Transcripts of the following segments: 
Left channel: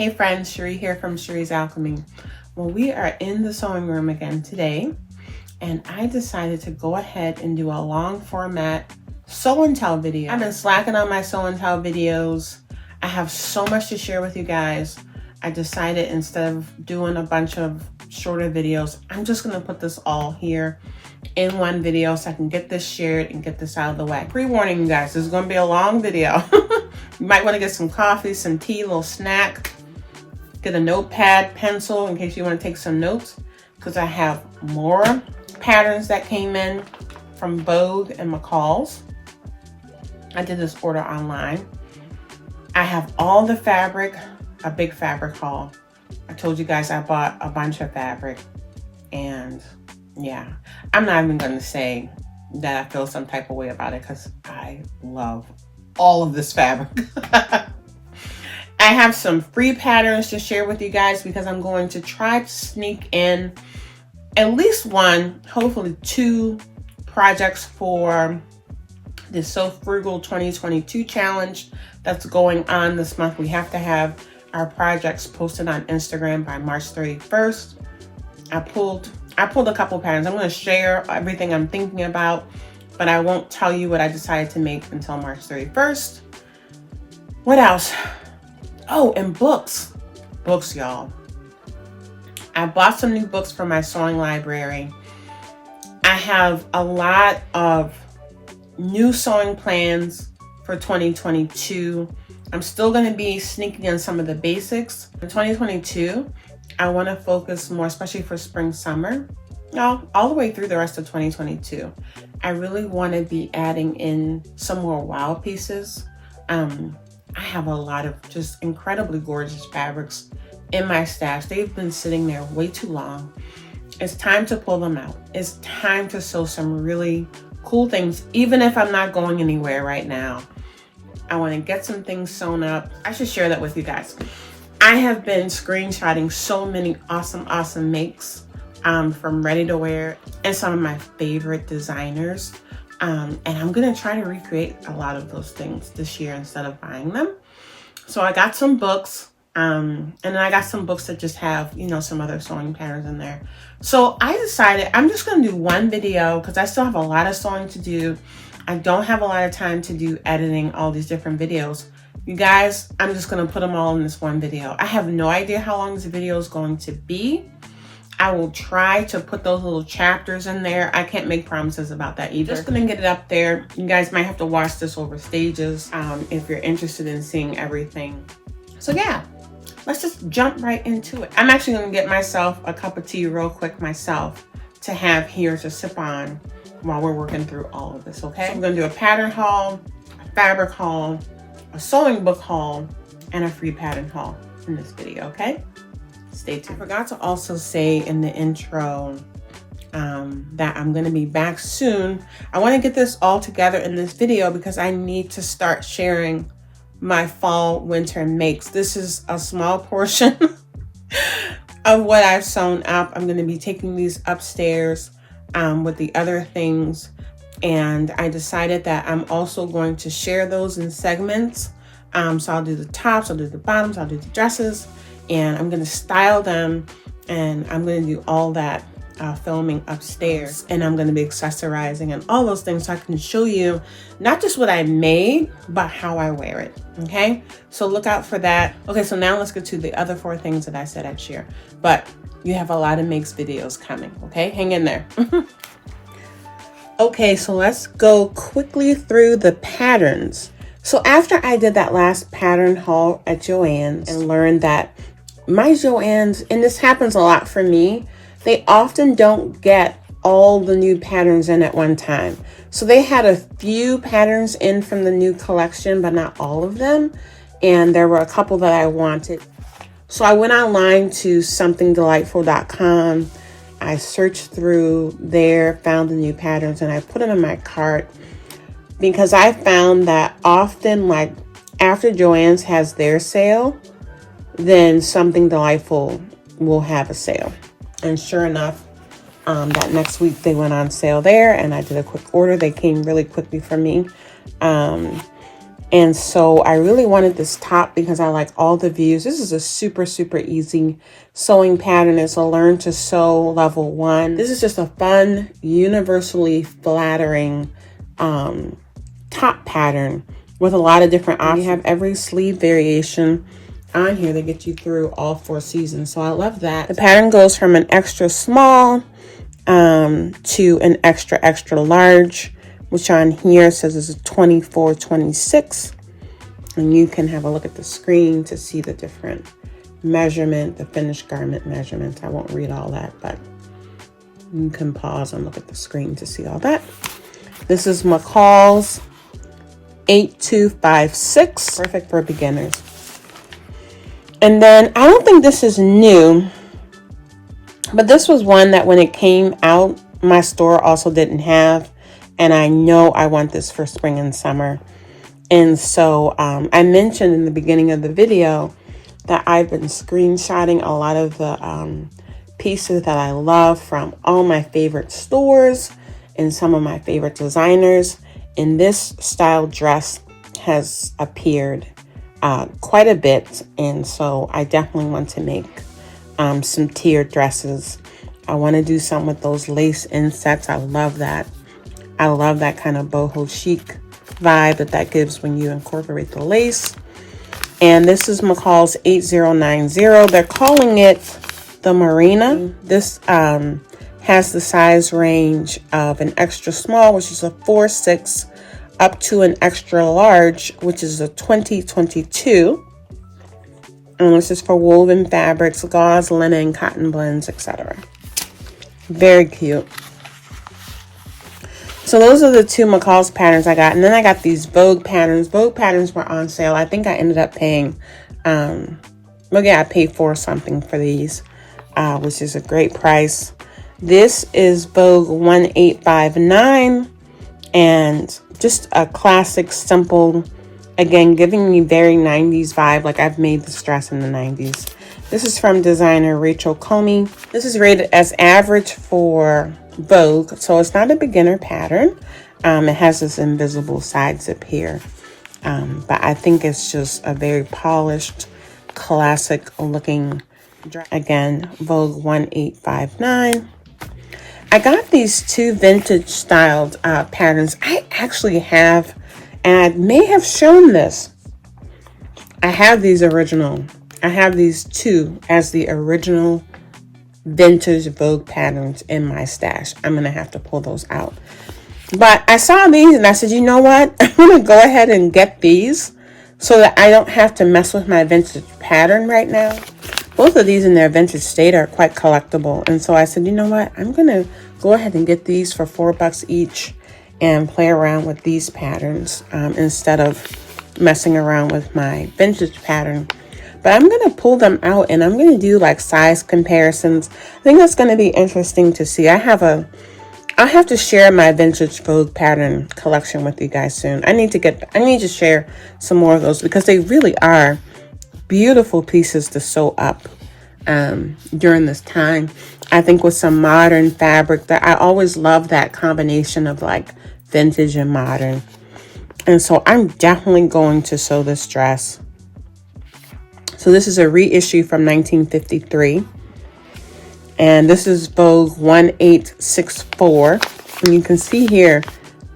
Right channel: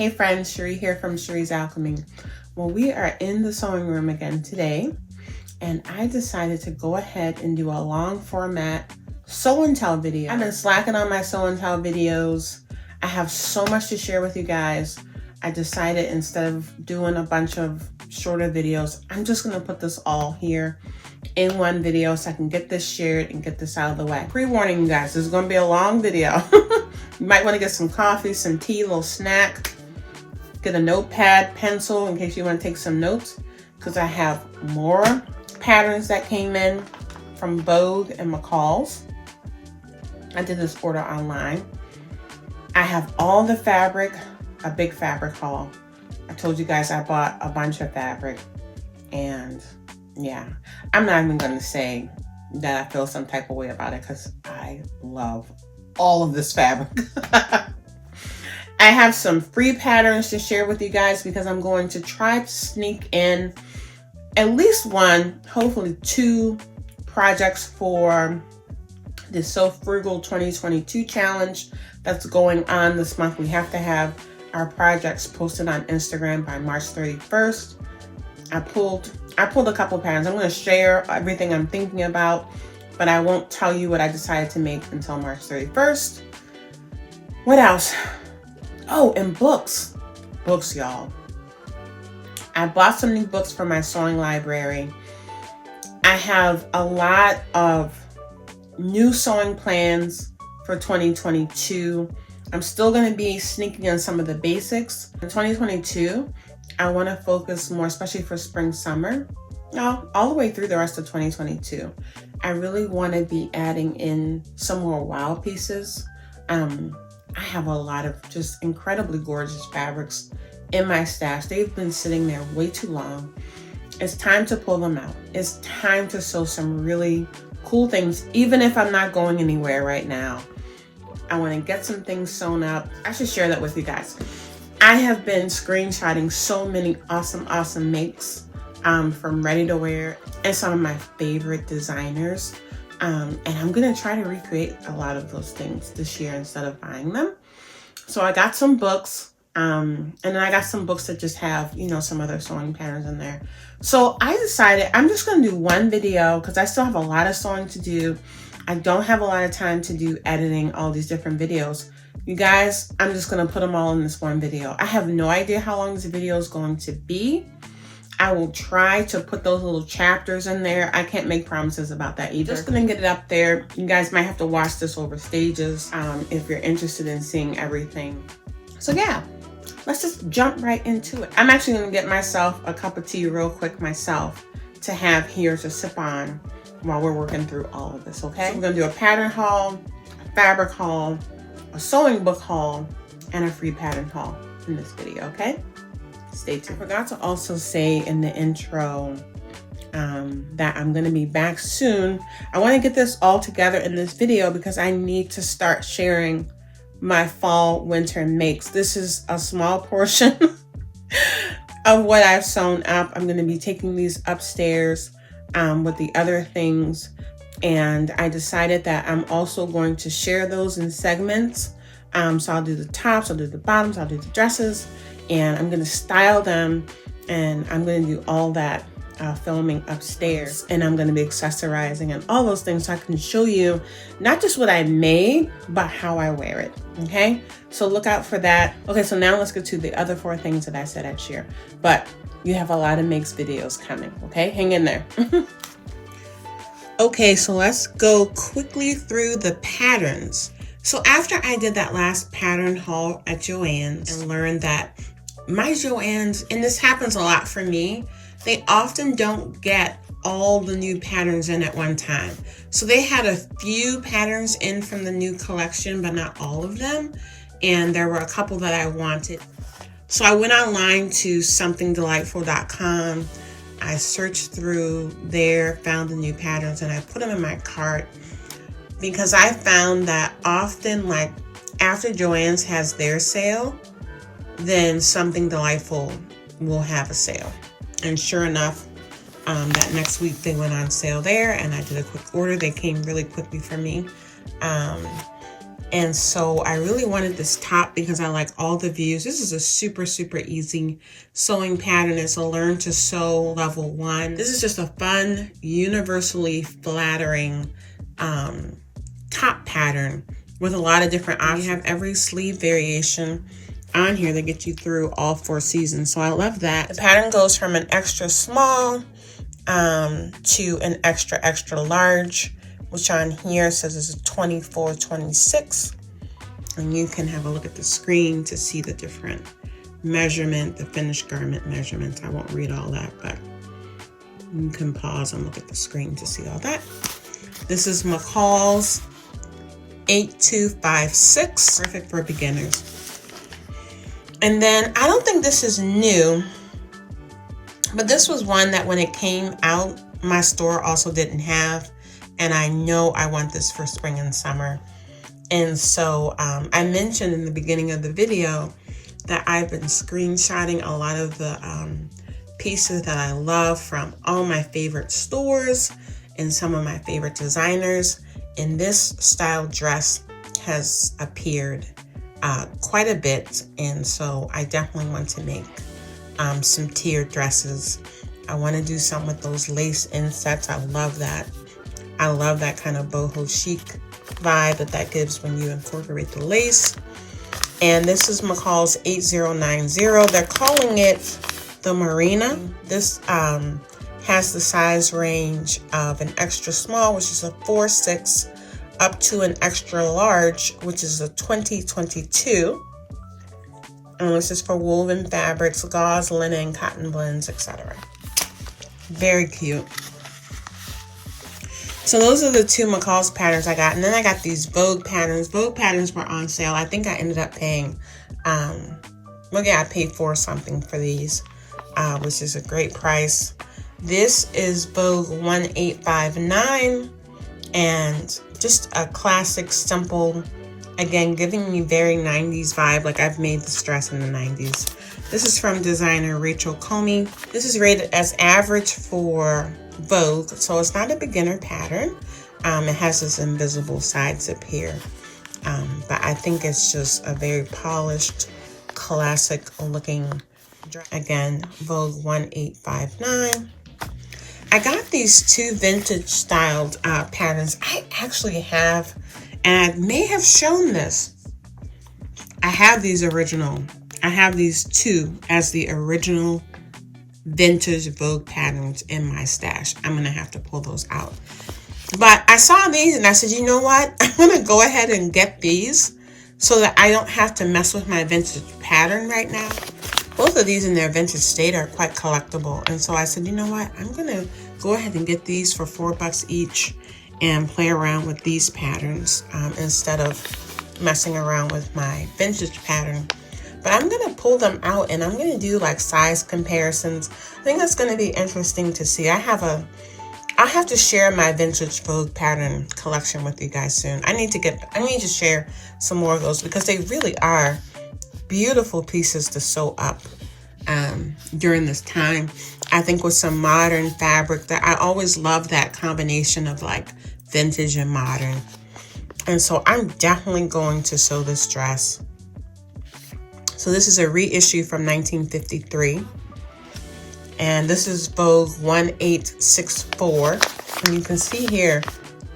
Hey friends, Cherie here from Cherie's Alchemy. Well, we are in the sewing room again today, and I decided to go ahead and do a long format sew and tell video. I've been slacking on my sew and tell videos. I have so much to share with you guys. I decided instead of doing a bunch of shorter videos, I'm just gonna put this all here in one video so I can get this shared and get this out of the way. Pre-warning you guys, this is gonna be a long video. You might wanna get some coffee, some tea, a little snack. Get a notepad, pencil in case you want to take some notes, because I have more patterns that came in from Vogue and McCalls. I did this order online. I have all the fabric, a big fabric haul. I told you guys I bought a bunch of fabric, and yeah, I'm not even going to say that I feel some type of way about it because I love all of this fabric. I have some free patterns to share with you guys because I'm going to try to sneak in at least one, hopefully two projects for the So Frugal 2022 challenge that's going on this month. We have to have our projects posted on Instagram by March 31st. I pulled a couple patterns. I'm going to share everything I'm thinking about, but I won't tell you what I decided to make until March 31st. What else? Oh, and books. Books, y'all. I bought some new books for my sewing library. I have a lot of new sewing plans for 2022. I'm still going to be sneaking in some of the basics. In 2022, I want to focus more, especially for spring, summer. No, all the way through the rest of 2022. I really want to be adding in some more wow pieces. I have a lot of just incredibly gorgeous fabrics in my stash. They've been sitting there way too long. It's time to pull them out. It's time to sew some really cool things, even if I'm not going anywhere right now. I want to get some things sewn up. I should share that with you guys. I have been screenshotting so many awesome makes from ready to wear and some of my favorite designers. And I'm gonna try to recreate a lot of those things this year instead of buying them. So I got some books, and then I got some books that just have, you know, some other sewing patterns in there. So I decided I'm just gonna do one video because I still have a lot of sewing to do. I don't have a lot of time to do editing all these different videos. You guys, I'm just gonna put them all in this one video. I have no idea how long this video is going to be. I will try to put those little chapters in there. I can't make promises about that either. Just gonna get it up there. You guys might have to watch this over stages if you're interested in seeing everything. So yeah, let's just jump right into it. I'm actually gonna get myself a cup of tea real quick myself to have here to sip on while we're working through all of this, okay? So I'm gonna do a pattern haul, a fabric haul, a sewing book haul, and a free pattern haul in this video, okay? Stay tuned. I forgot to also say in the intro that I'm going to be back soon. I want to get this all together in this video because I need to start sharing my fall winter makes. This is a small portion of what I've sewn up. I'm going to be taking these upstairs with the other things, and I decided that I'm also going to share those in segments. So I'll do the tops, I'll do the bottoms, I'll do the dresses, and I'm gonna style them, and I'm gonna do all that filming upstairs, and I'm gonna be accessorizing and all those things so I can show you not just what I made, but how I wear it, okay? So look out for that. Okay, so now let's get to the other 4 things that I said I'd share, but you have a lot of makes videos coming, okay? Hang in there. Okay, so let's go quickly through the patterns. So after I did that last pattern haul at Joann's and learned that my Joann's, and this happens a lot for me, they often don't get all the new patterns in at one time. So they had a few patterns in from the new collection, but not all of them. And there were a couple that I wanted. So I went online to somethingdelightful.com. I searched through there, found the new patterns, and I put them in my cart because I found that often, like after Joann's has their sale, then Something Delightful will have a sale. And sure enough, that next week they went on sale there, and I did a quick order. They came really quickly for me. And so I really wanted this top because I like all the views. This is a super, super easy sewing pattern. It's a learn to sew level 1. This is just a fun, universally flattering top pattern with a lot of different options. You have every sleeve variation on here that gets you through all 4 seasons. So I love that. The pattern goes from an extra small to an extra, extra large, which on here says is a 24-26. And you can have a look at the screen to see the different measurement, the finished garment measurements. I won't read all that, but you can pause and look at the screen to see all that. This is McCalls 8256, perfect for beginners. And then I don't think this is new, but this was one that when it came out, my store also didn't have. And I know I want this for spring and summer. And so I mentioned in the beginning of the video that I've been screenshotting a lot of the pieces that I love from all my favorite stores and some of my favorite designers. And this style dress has appeared quite a bit. And so I definitely want to make some tiered dresses. I want to do some with those lace insets. I love that. I love that kind of boho chic vibe that gives when you incorporate the lace. And this is McCalls 8090. They're calling it the Marina. This has the size range of an extra small, which is a 4-6, up to an extra large, which is a 20-22. And this is for woven fabrics, gauze, linen, cotton blends, etc. Very cute. So those are the 2 McCalls patterns I got. And then I got these Vogue patterns. Vogue patterns were on sale. I think I ended up paying, I paid $4 something for these, which is a great price. This is Vogue 1859, and just a classic, simple, again, giving me very 90s vibe, like I've made this dress in the 90s. This is from designer Rachel Comey. This is rated as average for Vogue, so it's not a beginner pattern. It has this invisible side zip here, but I think it's just a very polished, classic looking dress. Again, Vogue 1859. I got these 2 vintage styled patterns. I actually have, and I may have shown this. I have these original. I have these 2 as the original vintage Vogue patterns in my stash. I'm going to have to pull those out. But I saw these and I said, you know what? I'm going to go ahead and get these so that I don't have to mess with my vintage pattern right now. Both of these in their vintage state are quite collectible. And so I said, you know what? I'm going to go ahead and get these for $4 each and play around with these patterns instead of messing around with my vintage pattern. But I'm going to pull them out and I'm going to do like size comparisons. I think that's going to be interesting to see. I'll have to share my vintage Vogue pattern collection with you guys soon. I need to share some more of those because they really are beautiful pieces to sew up during this time. I think with some modern fabric, that I always love that combination of like vintage and modern. And so I'm definitely going to sew this dress. So this is a reissue from 1953. And this is Vogue 1864. And you can see here,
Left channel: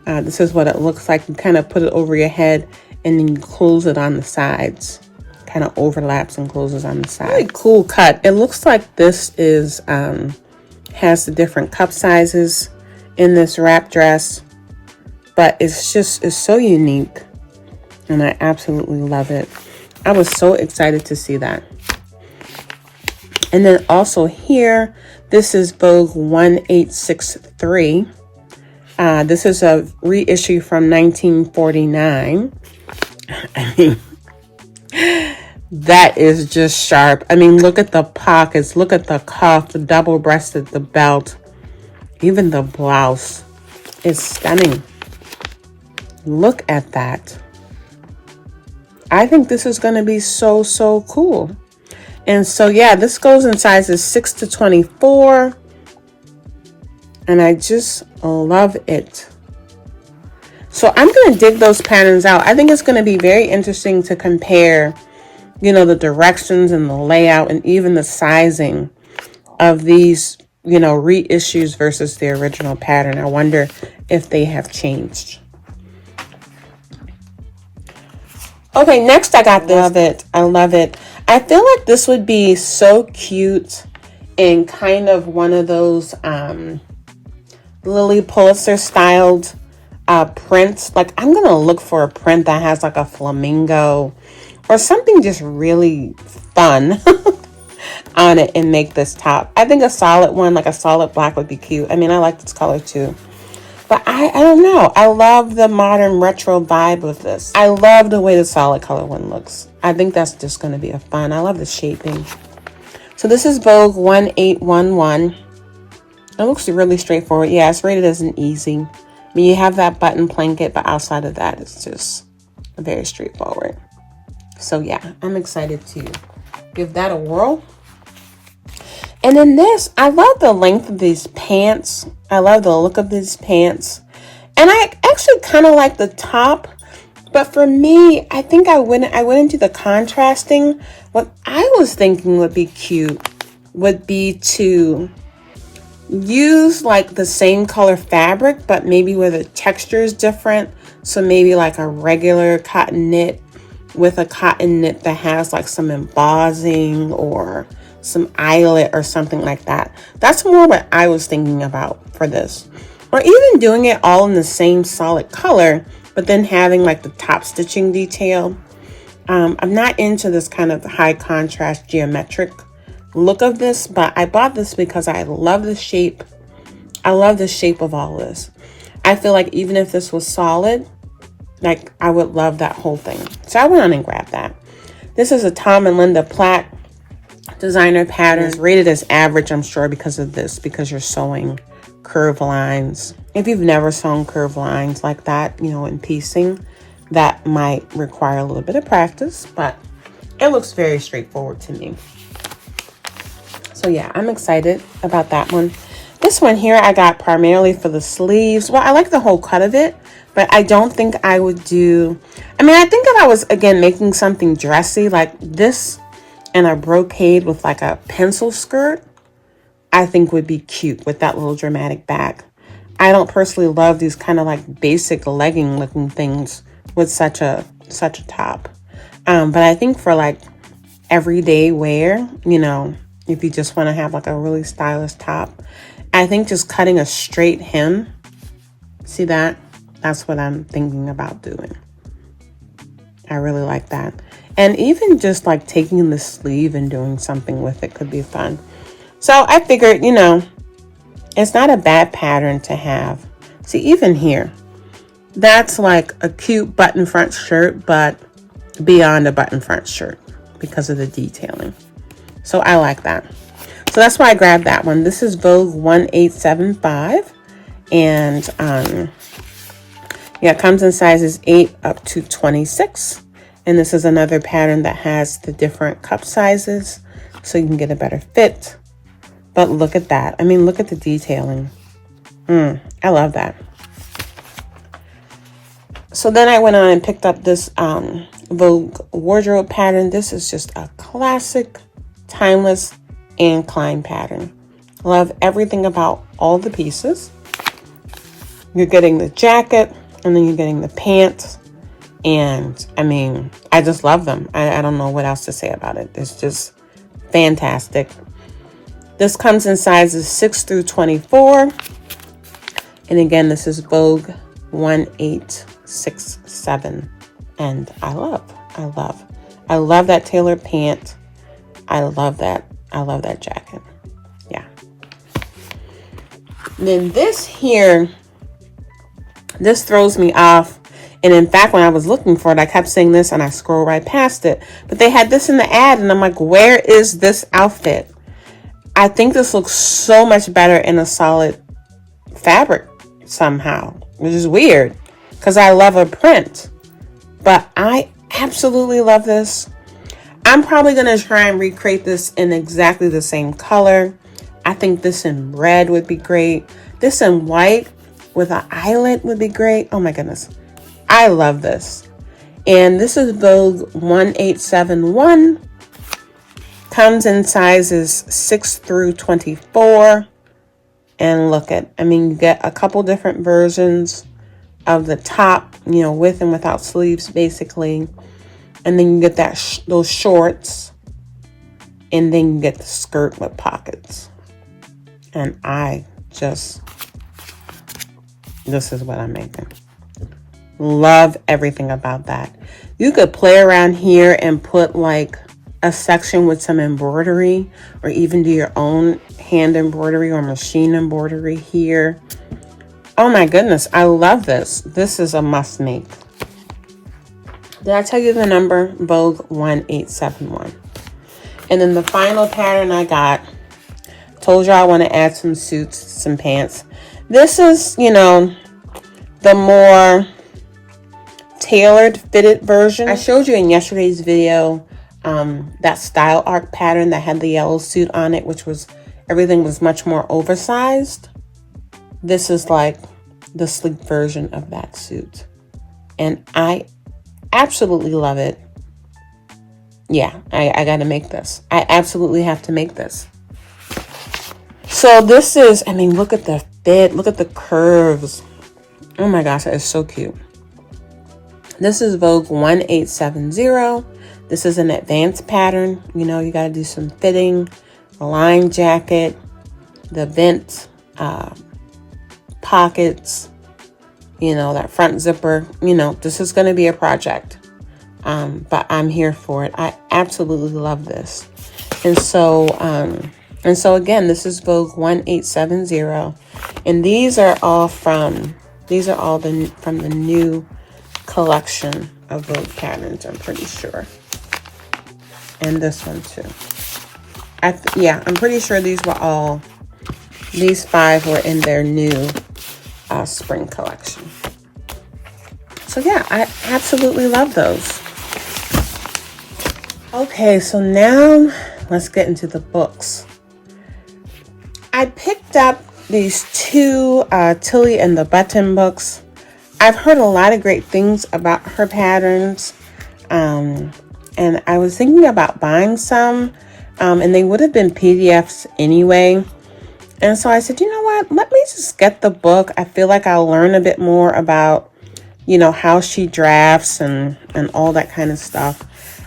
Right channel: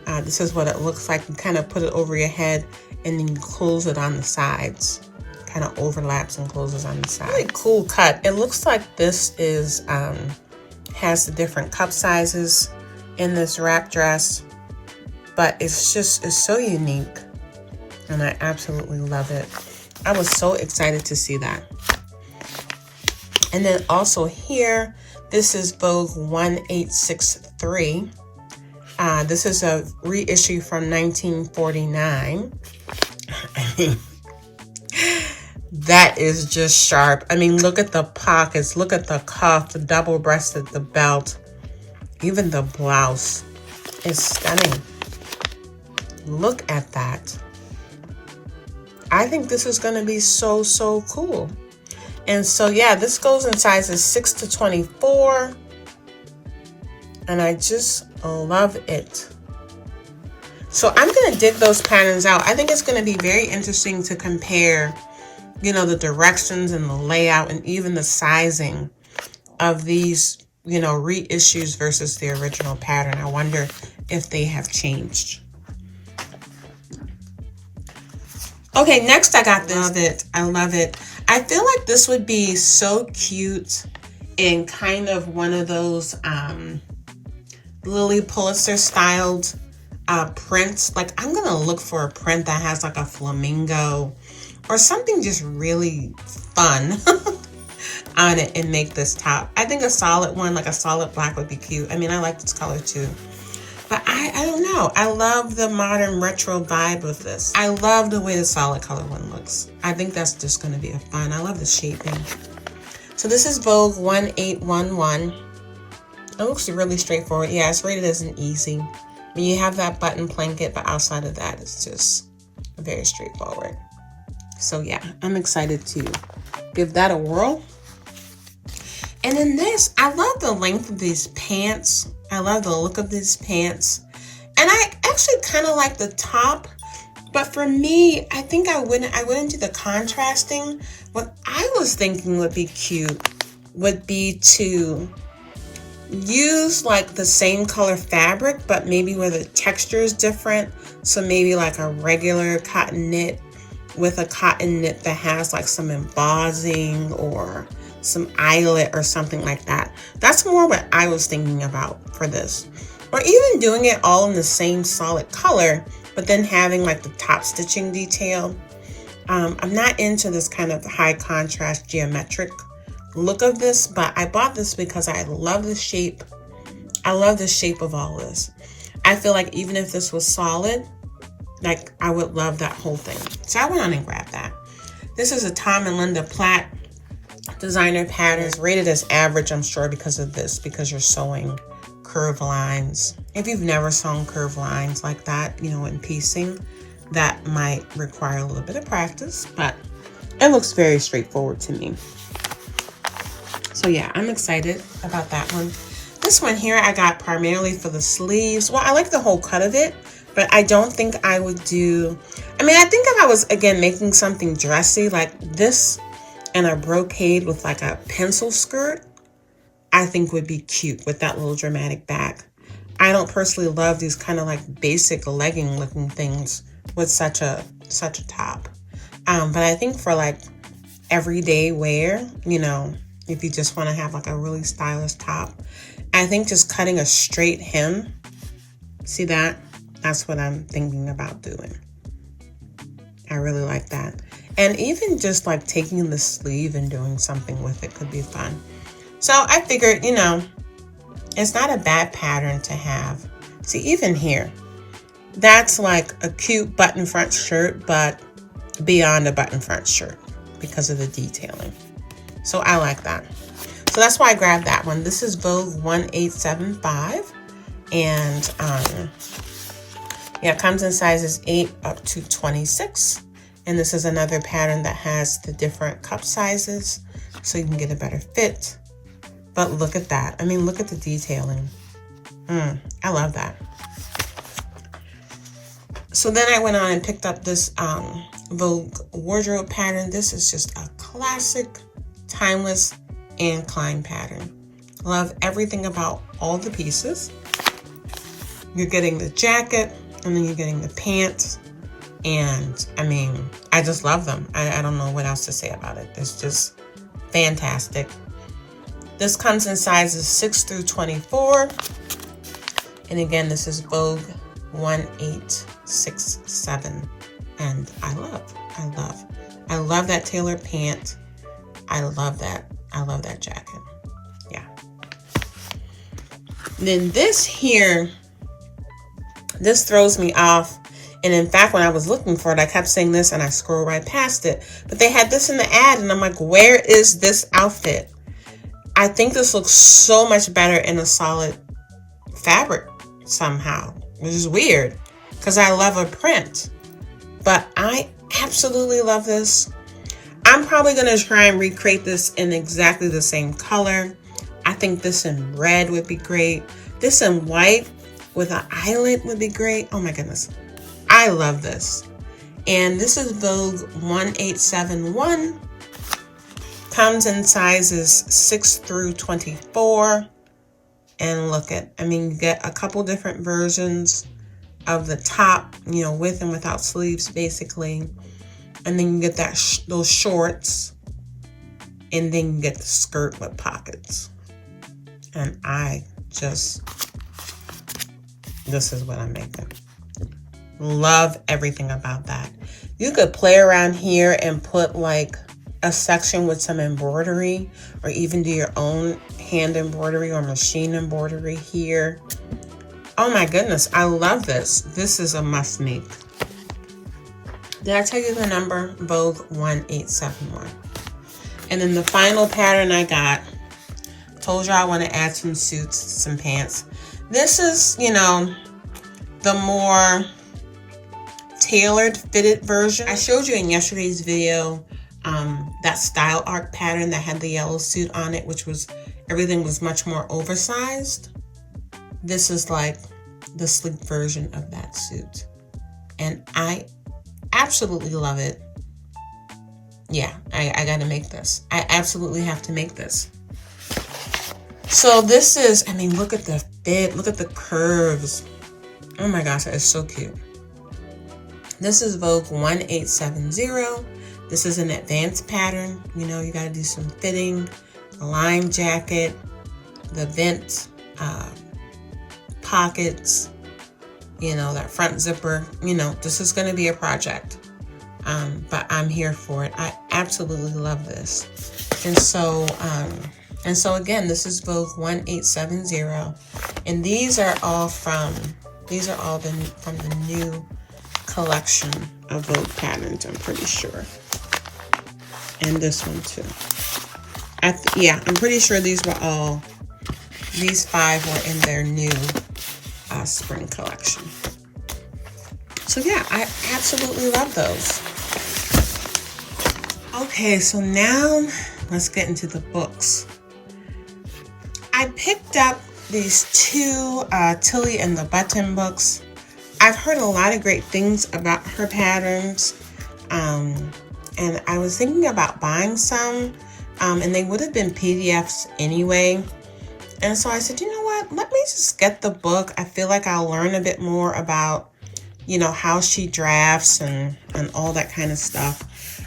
this is what it looks like. You kind of put it over your head and then you close it on the sides. Kind of overlaps and closes on the side. Really cool cut. It looks like this is has the different cup sizes in this wrap dress, but it's so unique and I absolutely love it. I was so excited to see that. And then also here, this is Vogue 1863. This is a reissue from 1949. I mean, that is just sharp. I mean, look at the pockets, look at the cuff, the double-breasted, the belt, even the blouse is stunning. Look at that. I think this is going to be so, so cool. And so, yeah, this goes in sizes 6 to 24. And I just love it. So I'm going to dig those patterns out. I think it's going to be very interesting to compare, you know, the directions and the layout and even the sizing of these, you know, reissues versus the original pattern. I wonder if they have changed. Okay, next I got this. Love it. I love it. I feel like this would be so cute in kind of one of those Lily Pulitzer styled prints. Like, I'm gonna look for a print that has like a flamingo or something just really fun on it and make this top. I think a solid one, like a solid black, would be cute. I mean, I like this color too. But I don't know. I love the modern retro vibe of this. I love the way the solid color one looks. I think that's just going to be a fun. I love the shaping. So this is Vogue 1811. It looks really straightforward. Yeah, it's rated as an easy. I mean, you have that button blanket, but outside of that, it's just very straightforward. So yeah, I'm excited to give that a whirl. And then this, I love the length of these pants. I love the look of these pants. And I actually kind of like the top. But for me, I think I went into the contrasting. What I was thinking would be cute would be to use like the same color fabric, but maybe where the texture is different. So maybe like a regular cotton knit with a cotton knit that has like some embossing or some eyelet or something like that. That's more what I was thinking about for this. Or even doing it all in the same solid color, but then having like the top stitching detail. I'm not into this kind of high contrast geometric look of this, but I bought this because I love the shape. I love the shape of all this. I feel like even if this was solid, like I would love that whole thing. So I went on and grabbed that. This is a Tom and Linda Platt designer pattern. It's rated as average, I'm sure, because of this, because you're sewing curved lines. If you've never sewn curved lines like that, you know, in piecing, that might require a little bit of practice, but it looks very straightforward to me. So yeah, I'm excited about that one. This one here I got primarily for the sleeves. Well, I like the whole cut of it, but I don't think I would do, I mean, I think if I was, again, making something dressy like this and a brocade with like a pencil skirt, I think would be cute with that little dramatic back. I don't personally love these kind of like basic legging looking things with such a top. But I think for like everyday wear, you know, if you just want to have like a really stylish top, I think just cutting a straight hem, see that? That's what I'm thinking about doing. I really like that. And even just like taking the sleeve and doing something with it could be fun. So I figured, you know, it's not a bad pattern to have. See, even here, that's like a cute button front shirt, but beyond a button front shirt because of the detailing. So I like that. So that's why I grabbed that one. This is Vogue 1875. And yeah, it comes in sizes 8 up to 26. And this is another pattern that has the different cup sizes so you can get a better fit. But look at that. I mean, look at the detailing. I love that. So then I went on and picked up this Vogue wardrobe pattern. This is just a classic, timeless Anne Klein pattern. Love everything about all the pieces. You're getting the jacket and then you're getting the pants. And I mean, I just love them. I don't know what else to say about it. It's just fantastic. This comes in sizes 6 through 24. And again, this is Vogue 1867. And I love that tailored pant. I love that jacket. Yeah. Then this here, this throws me off. And in fact, when I was looking for it, I kept saying this and I scrolled right past it. But they had this in the ad and I'm like, where is this outfit? I think this looks so much better in a solid fabric somehow, which is weird because I love a print. But I absolutely love this. I'm probably going to try and recreate this in exactly the same color. I think this in red would be great. This in white with an eyelet would be great. Oh my goodness. I love this. And this is Vogue 1871. Comes in sizes 6 through 24. And look at, I mean, you get a couple different versions of the top, you know, with and without sleeves, basically. And then you get that those shorts. And then you get the skirt with pockets. And this is what I'm making. Love everything about that. You could play around here and put like a section with some embroidery, or even do your own hand embroidery or machine embroidery here. Oh my goodness, I love this. This is a must make. Did I tell you the number? Vogue 1871. And then the final pattern I got, told you I want to add some suits, some pants. This is, you know, the more tailored fitted version. I showed you in yesterday's video that style arc pattern that had the yellow suit on it, which was, everything was much more oversized. This is like the sleek version of that suit. And I absolutely love it. Yeah, I gotta make this. I absolutely have to make this. So this is, I mean, look at the fit, look at the curves. Oh my gosh, that is so cute. This is Vogue 1870. This is an advanced pattern. You know, you gotta do some fitting, the line jacket, the vent pockets, you know, that front zipper. You know, this is gonna be a project. But I'm here for it. I absolutely love this. And so again, this is Vogue 1870. And these are all from the new collection of Vogue patterns, I'm pretty sure. And this one too. Yeah, I'm pretty sure these 5 were in their new spring collection. So yeah, I absolutely love those. Okay, so now let's get into the books. I picked up these 2 Tilly and the Button books. I've heard a lot of great things about her patterns. And I was thinking about buying some, and they would have been PDFs anyway. And so I said, you know what, let me just get the book. I feel like I'll learn a bit more about, you know, how she drafts and all that kind of stuff.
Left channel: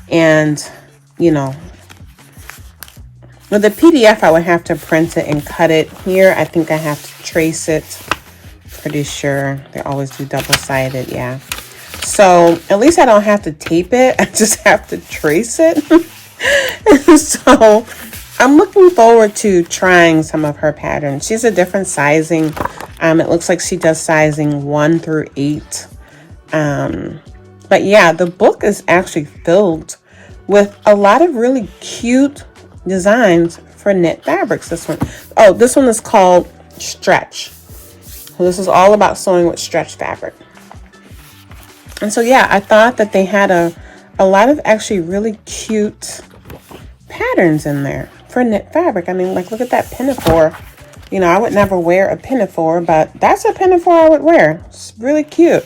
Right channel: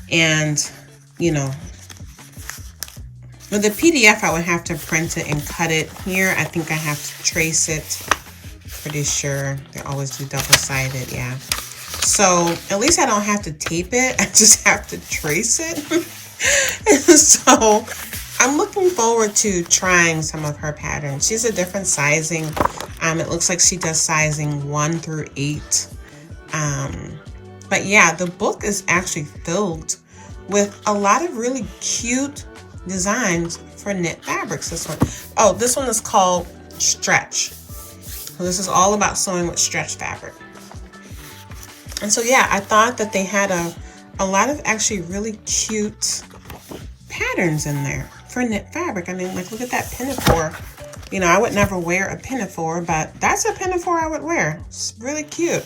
And, you know, with the PDF, I would have to print it and cut it. Here, I think I have to trace it. Pretty sure they always do double-sided, yeah. So at least I don't have to tape it. I just have to trace it. So I'm looking forward to trying some of her patterns. She's a different sizing. It looks like she does sizing 1 through 8. But yeah, the book is actually filled with a lot of really cute designs for knit fabrics. This one is called Stretch. So this is all about sewing with stretch fabric. And so yeah, I thought that they had a lot of actually really cute patterns in there for knit fabric. I mean, like, look at that pinafore. You know, I would never wear a pinafore, but that's a pinafore I would wear. It's really cute.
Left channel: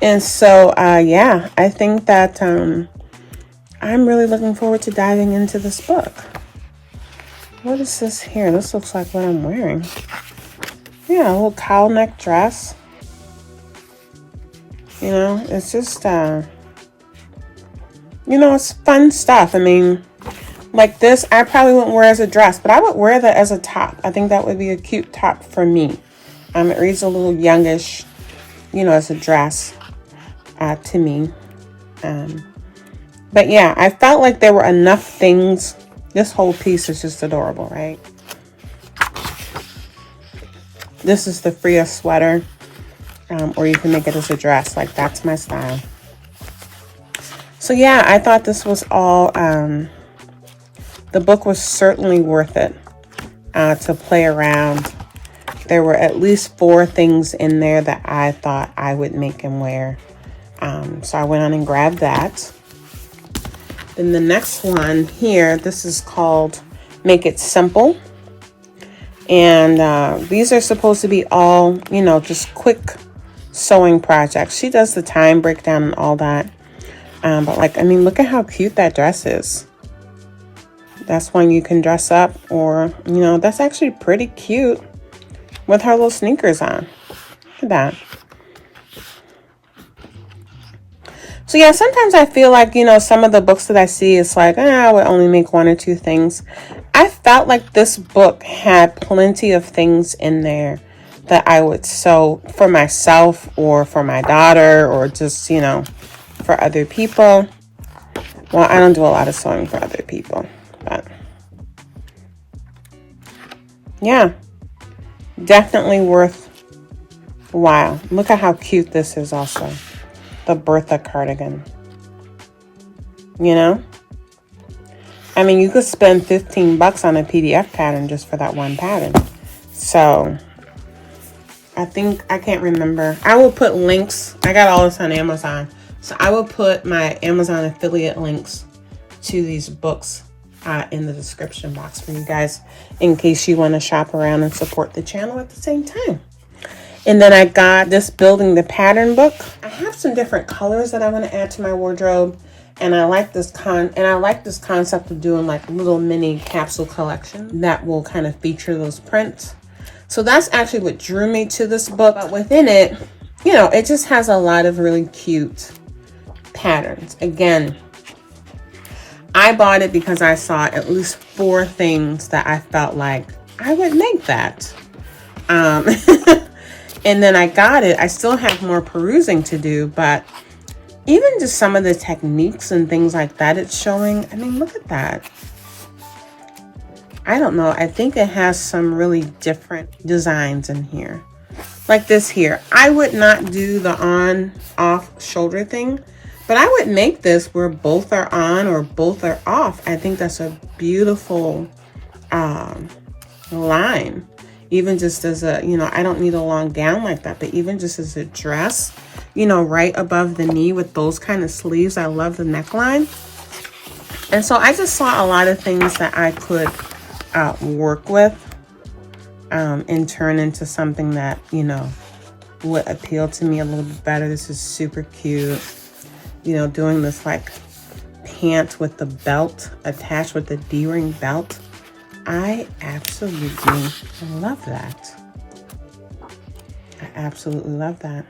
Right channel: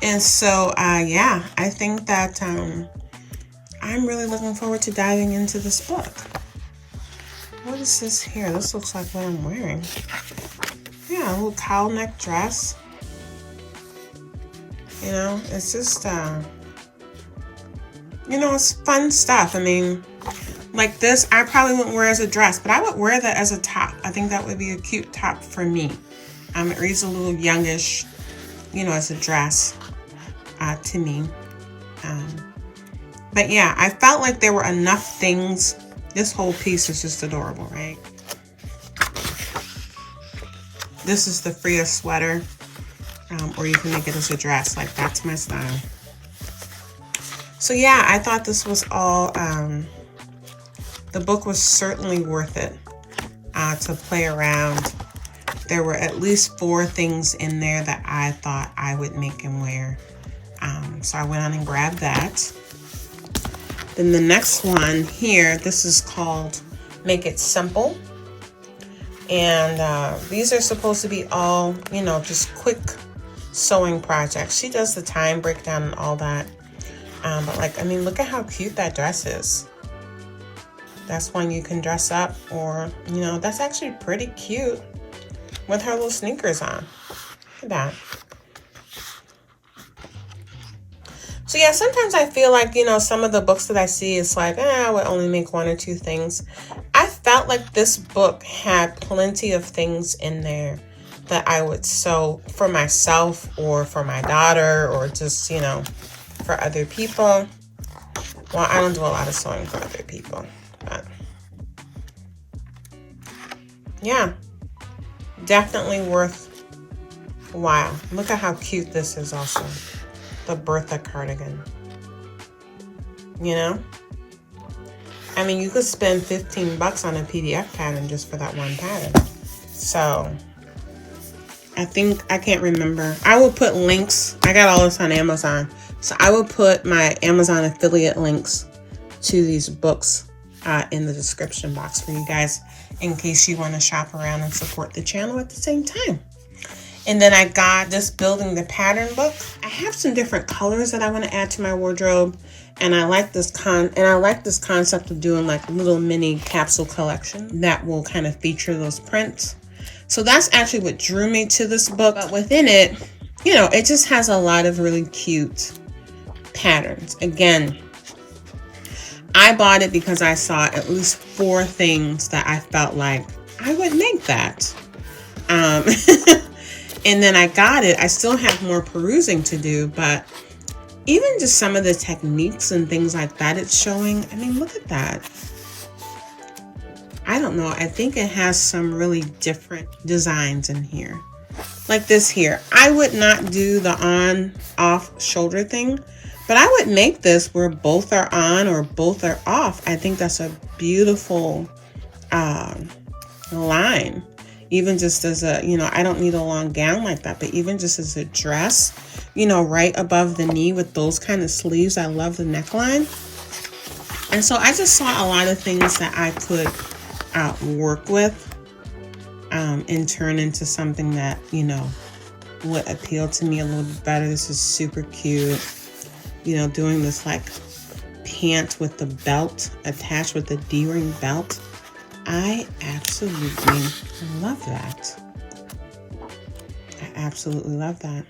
And so, yeah, I think that I'm really looking forward to diving into this book. What is this here? This looks like what I'm wearing. Yeah, a little cowl neck dress. You know, it's just, you know, it's fun stuff. I mean, like this, I probably wouldn't wear as a dress, but I would wear that as a top. I think that would be a cute top for me. It reads a little youngish, you know, as a dress to me. But yeah, I felt like there were enough things. This whole piece is just adorable, right? This is the Freya sweater. Or you can make it as a dress. Like, that's my style. So yeah, I thought this was all, the book was certainly worth it to play around. There were at least 4 things in there that I thought I would make and wear. So I went on and grabbed that. Then the next one here, this is called Make It Simple. And these are supposed to be all, you know, just quick sewing projects. She does the time breakdown and all that. But like, I mean, look at how cute that dress is. That's one you can dress up, or, you know, that's actually pretty cute with her little sneakers on. Look at that. So yeah, sometimes I feel like, you know, some of the books that I see, it's like, I would only make one or two things. I felt like this book had plenty of things in there that I would sew for myself or for my daughter, or just, you know, for other people. Well, I don't do a lot of sewing for other people, but yeah, definitely worthwhile. Look at how cute this is also. The Bertha cardigan. You know? I mean, you could spend $15 on a PDF pattern just for that one pattern. So, I can't remember. I will put links. I got all this on Amazon. So, I will put my Amazon affiliate links to these books in the description box for you guys, in case you want to shop around and support the channel at the same time. And then I got this Building the Pattern book. I have some different colors that I want to add to my wardrobe, and I like this concept of doing like little mini capsule collection that will kind of feature those prints. So that's actually what drew me to this book. But within it, you know, it just has a lot of really cute patterns. Again, I bought it because I saw at least 4 things that I felt like I would make that. And then I got it. I still have more perusing to do, but even just some of the techniques and things like that it's showing, I mean, look at that. I don't know. I think it has some really different designs in here. Like this here. I would not do the on-off shoulder thing, but I would make this where both are on or both are off. I think that's a beautiful line. Even just as a, you know, I don't need a long gown like that, but even just as a dress, you know, right above the knee with those kind of sleeves. I love the neckline. And so I just saw a lot of things that I could work with and turn into something that, you know, would appeal to me a little bit better. This is super cute. You know, doing this like pant with the belt attached with the D-ring belt. I absolutely love that. I absolutely love that.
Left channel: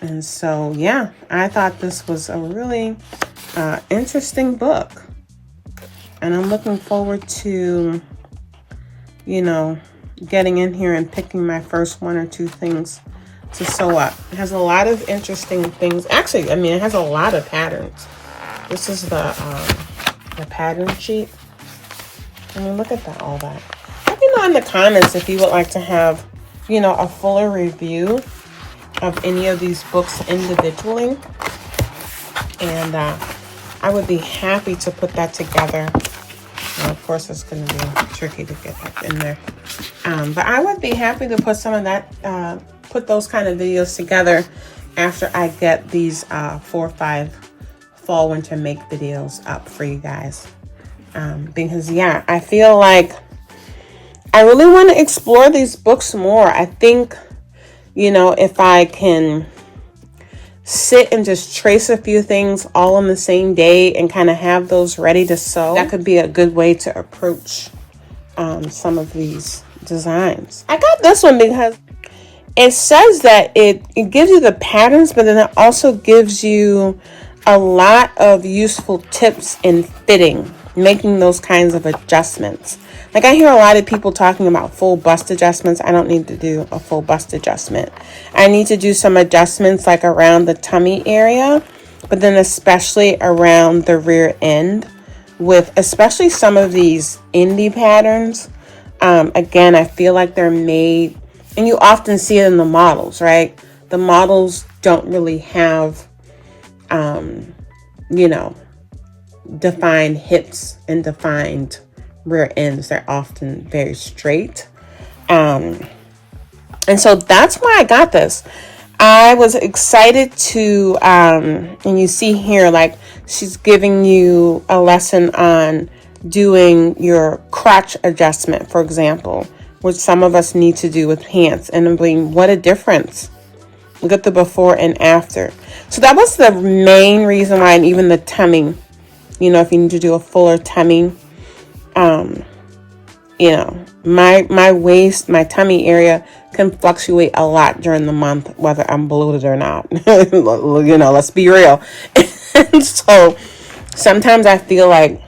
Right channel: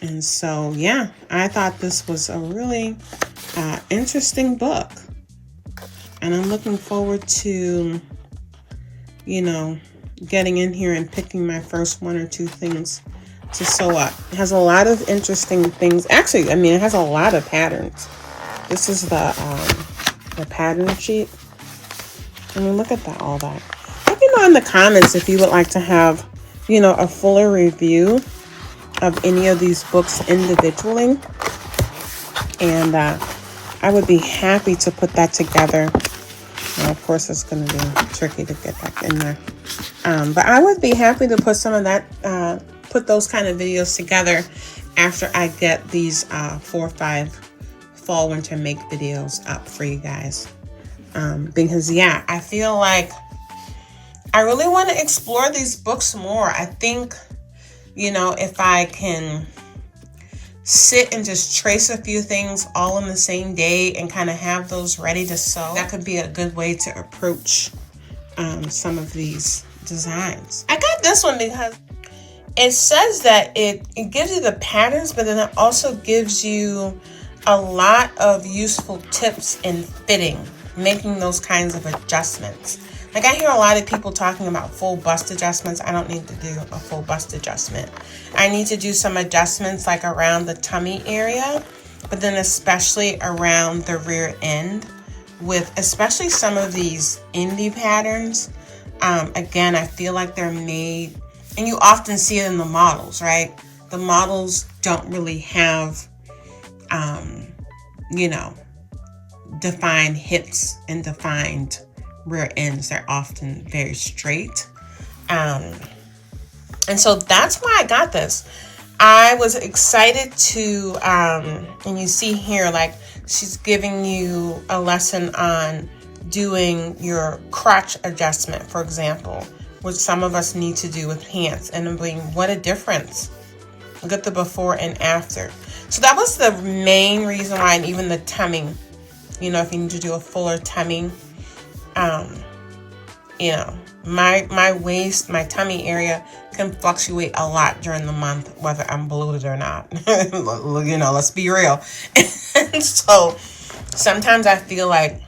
And so, yeah, I thought this was a really interesting book. And I'm looking forward to, you know, getting in here and picking my first 1 or 2 things to sew up. It has a lot of interesting things. Actually, I mean, it has a lot of patterns. This is the pattern sheet. I mean, look at that, all that. Let me know in the comments if you would like to have, you know, a fuller review of any of these books individually. And I would be happy to put that together. And of course, it's going to be tricky to get that in there. But I would be happy to put some of that, put those kind of videos together after I get these 4 or 5 fall winter make videos up for you guys. Because yeah, I feel like I really want to explore these books more. I think, you know, if I can sit and just trace a few things all on the same day and kind of have those ready to sew, that could be a good way to approach some of these designs. I got this one because it says that it gives you the patterns, but then it also gives you a lot of useful tips in fitting, making those kinds of adjustments. Like I hear a lot of people talking about full bust adjustments. I don't need to do a full bust adjustment. I need to do some adjustments like around the tummy area, but then especially around the rear end with especially some of these indie patterns. Again, I feel like they're made, and you often see it in the models, right? The models don't really have, you know, defined hips and defined rear ends. They're often very straight. And so that's why I got this. I was excited to, and you see here, like she's giving you a lesson on doing your crotch adjustment, for example, which some of us need to do with pants. And I'm being, what a difference Look at the before and after. So that was the main reason why, and even the tumming, you know, if you need to do a fuller tumming, you know, my waist, my tummy area can fluctuate a lot during the month, whether I'm bloated or not. You know, let's be real. And so sometimes I feel like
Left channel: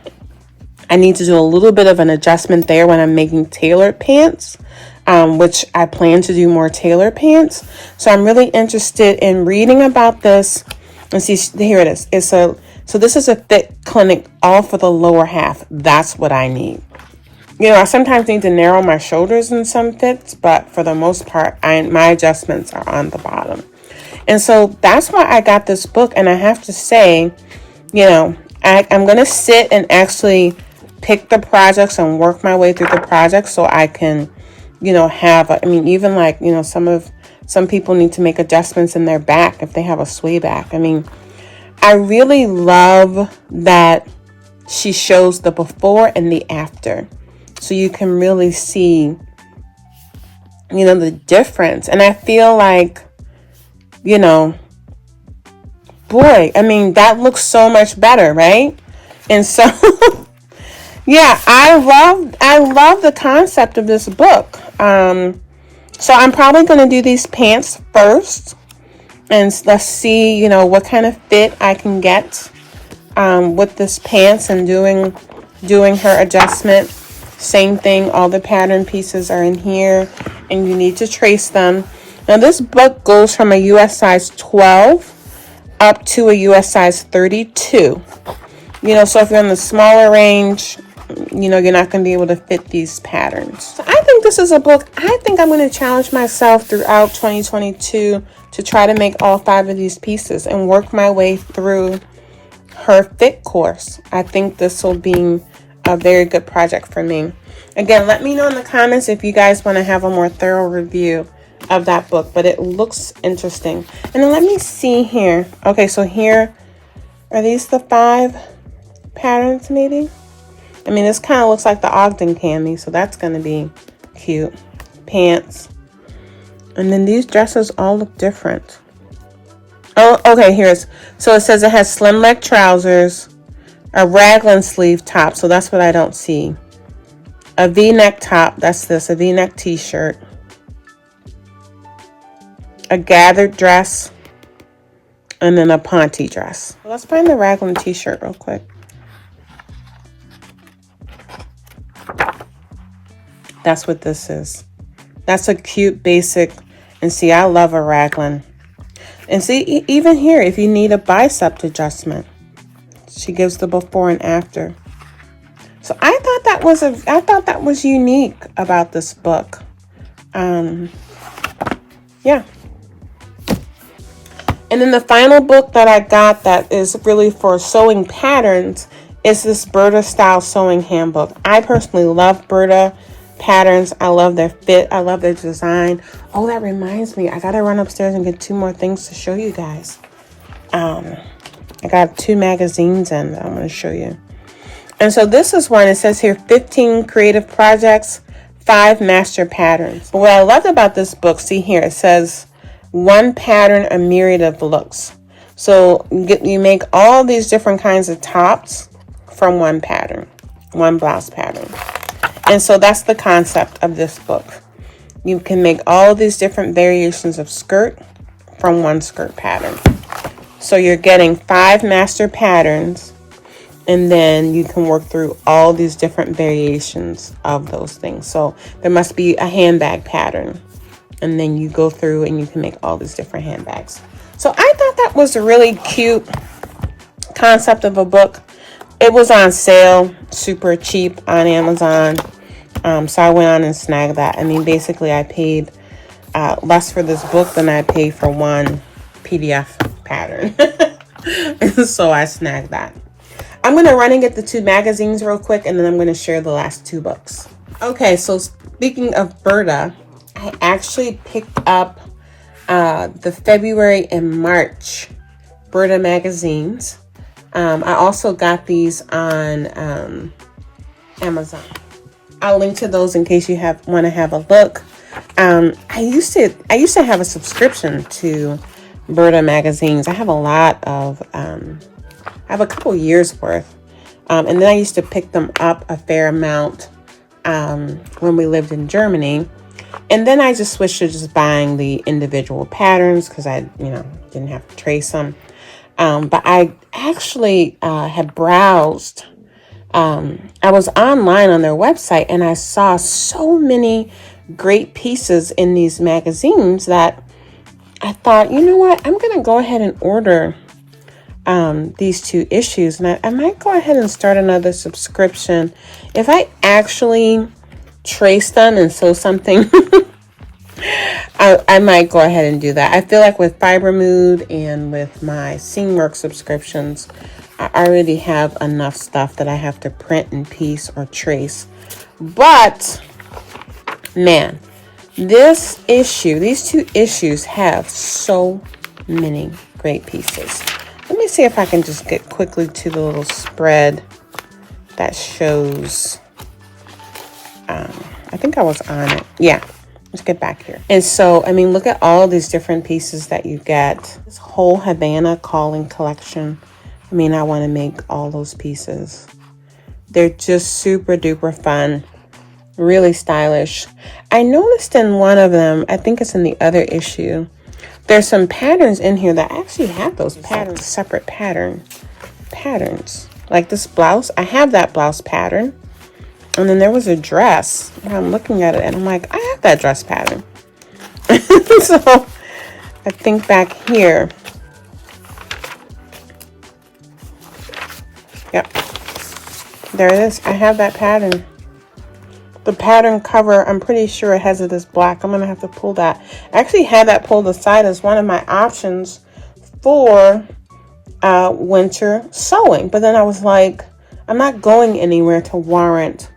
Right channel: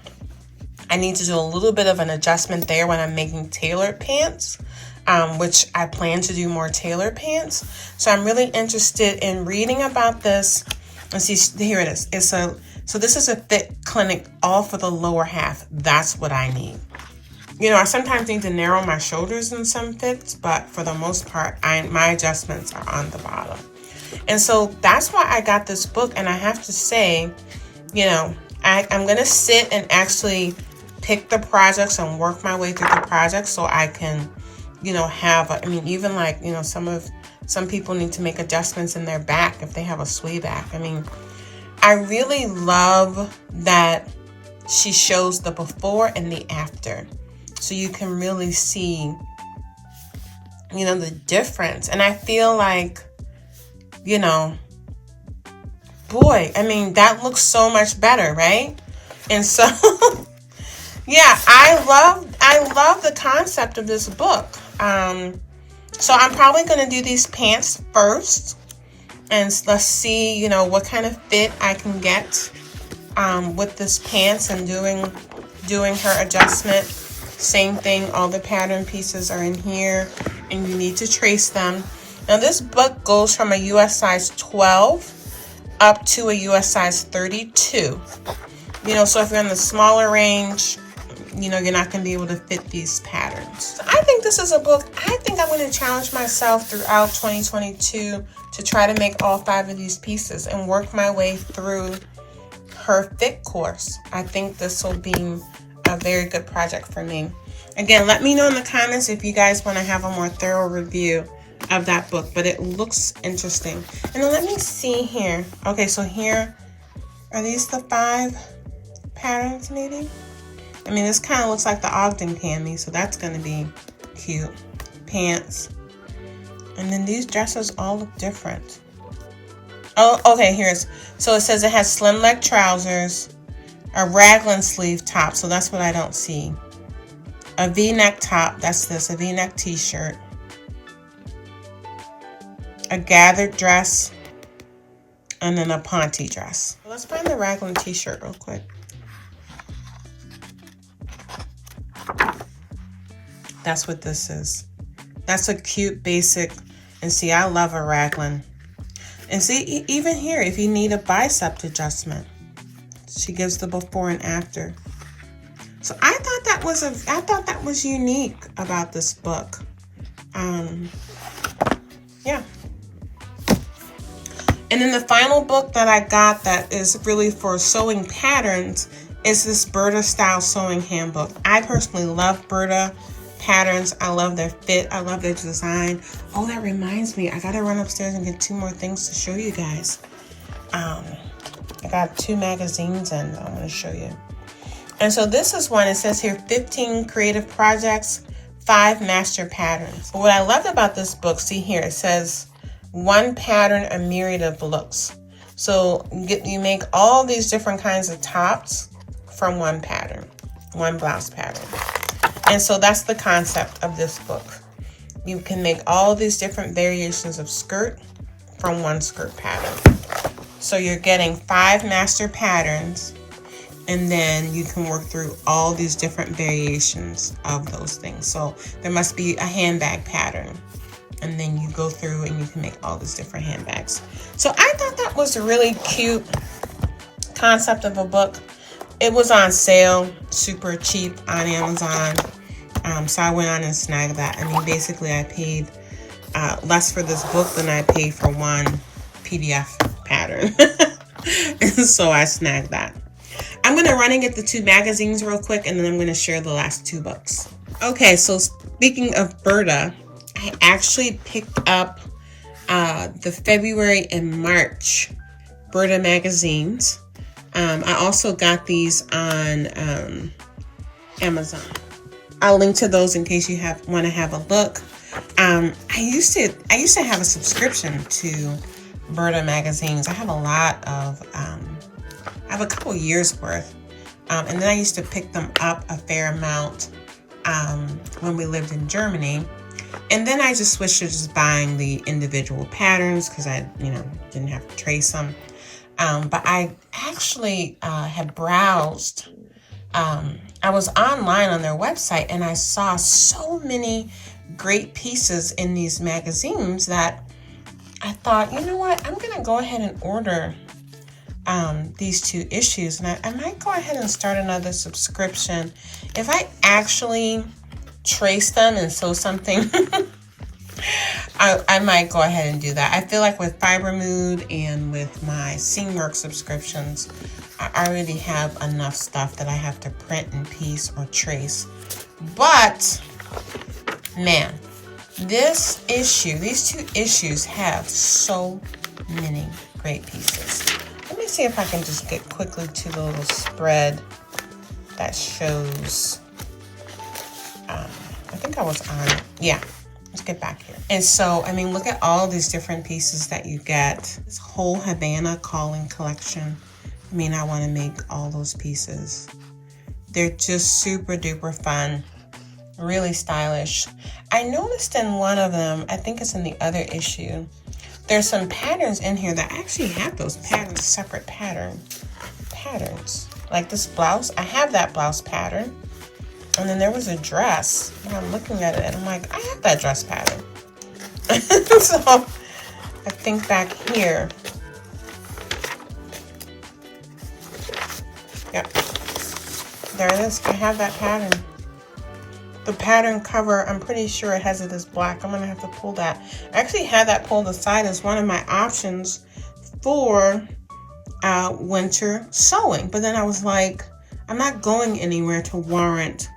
I need to do a little bit of an adjustment there when I'm making tailored pants, which I plan to do more tailored pants. So I'm really interested in reading about this. And see, here it is. So this is a fit clinic all for the lower half. That's what I need. You know, I sometimes need to narrow my shoulders in some fits, but for the most part, my adjustments are on the bottom. And so that's why I got this book. And I have to say, you know, I'm going to sit and actually pick the projects and work my way through the projects so I can, you know, even like, you know, some people need to make adjustments in their back if they have a sway back. I mean, I really love that she shows the before and the after. So you can really see, you know, the difference. And I feel like, you know, boy, I mean, that looks so much better, right? And so, yeah, I love the concept of this book. So I'm probably going to do these pants first. And let's see, you know, what kind of fit I can get with this pants and doing her adjustment. Same thing, all the pattern pieces are in here and you need to trace them. Now this book goes from a US size 12 up to a US size 32. You know, so if you're in the smaller range, you know, you're not going to be able to fit these patterns. So I think this is a book. I think I'm going to challenge myself throughout 2022 to try to make all 5 of these pieces and work my way through her fit course. I think this will be a very good project for me. Again, let me know in the comments if you guys want to have a more thorough review of that book, but it looks interesting. And then let me see here. Okay, so here are these the 5 patterns maybe? I mean, this kind of looks like the Ogden candy, so that's going to be cute. Pants. And then these dresses all look different. Oh, okay, so it says it has slim leg trousers, a raglan sleeve top, so that's what I don't see. A V-neck top, that's this, a V-neck t-shirt. A gathered dress, and then a ponte dress. Let's find the raglan t-shirt real quick. That's what this is. That's a cute basic, and see, I love a raglan. And see, even here, if you need a bicep adjustment, she gives the before and after. So I thought that was unique about this book. Yeah. And then the final book that I got that is really for sewing patterns is this Burda style sewing handbook. I personally love Burda patterns. I love their fit. I love their design. Oh, that reminds me, I gotta run upstairs and get 2 more things to show you guys. I got 2 magazines and I'm going to show you. And so this is one. It says here 15 creative projects, 5 master patterns. But what I loved about this book, see here, it says 1 pattern, a myriad of looks. So you make all these different kinds of tops from 1 pattern, 1 blouse pattern. And so that's the concept of this book. You can make all these different variations of skirt from 1 skirt pattern. So you're getting 5 master patterns, and then you can work through all these different variations of those things. So there must be a handbag pattern, and then you go through and you can make all these different handbags. So I thought that was a really cute concept of a book. It was on sale, super cheap on Amazon. So I went on and snagged that. I mean, basically I paid less for this book than I paid for 1 PDF pattern. And so I snagged that. I'm going to run and get the 2 magazines real quick, and then I'm going to share the last 2 books. Okay, so speaking of Burda, I actually picked up the February and March Burda magazines. I also got these on Amazon. I'll link to those in case you want to have a look. I used to have a subscription to Burda magazines. I have a lot of, I have a couple years worth. And then I used to pick them up a fair amount when we lived in Germany. And then I just switched to just buying the individual patterns because I, didn't have to trace them. But I actually had browsed. I was online on their website and I saw so many great pieces in these magazines that I thought, you know what, I'm going to go ahead and order these 2 issues. And I might go ahead and start another subscription. If I actually trace them and sew something, I might go ahead and do that. I feel like with Fiber Mood and with my Seamwork subscriptions, I already have enough stuff that I have to print and piece or trace. But man, these 2 issues have so many great pieces. Let me see if I can just get quickly to the little spread that shows. I think I was on it. Yeah. Let's get back here. And so, I mean, look at all these different pieces that you get. This whole Havana calling collection. I mean, I want to make all those pieces. They're just super duper fun. Really stylish. I noticed in one of them, I think it's in the other issue, there's some patterns in here that actually have those patterns, separate patterns. Like this blouse, I have that blouse pattern. And then there was a dress, and I'm looking at it and I'm like, I have that dress pattern. So I think back here. Yep. There it is. I have that pattern. The pattern cover, I'm pretty sure it has it as black. I'm going to have to pull that. I actually had that pulled aside as one of my options for winter sewing. But then I was like, I'm not going anywhere to warrant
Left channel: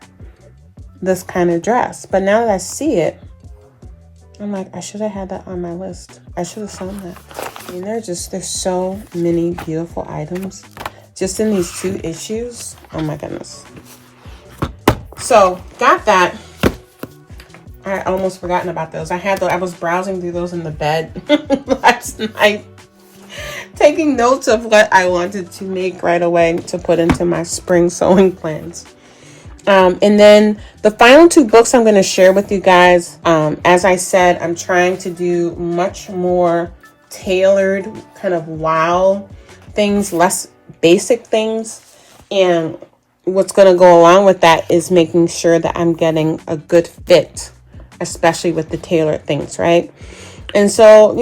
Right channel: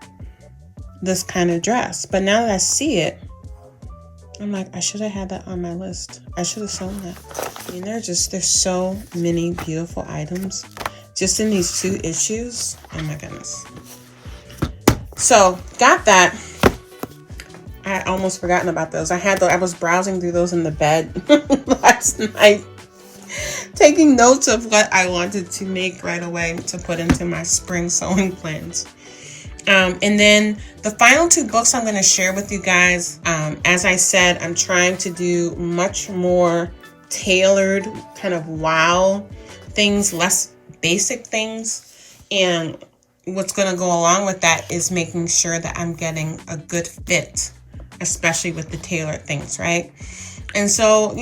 this kind of dress. But now that I see it, I'm like, I should have had that on my list. I should have sewn that. I mean, there's so many beautiful items just in these 2 issues. Oh my goodness. So got that. I had almost forgotten about those. I was browsing through those in the bed last night, taking notes of what I wanted to make right away to put into my spring sewing plans. And then the final 2 books I'm going to share with you guys. As I said, I'm trying to do much more tailored kind of wow things, less basic things. And what's going to go along with that is making sure that I'm getting a good fit, especially with the tailored things, right? And so,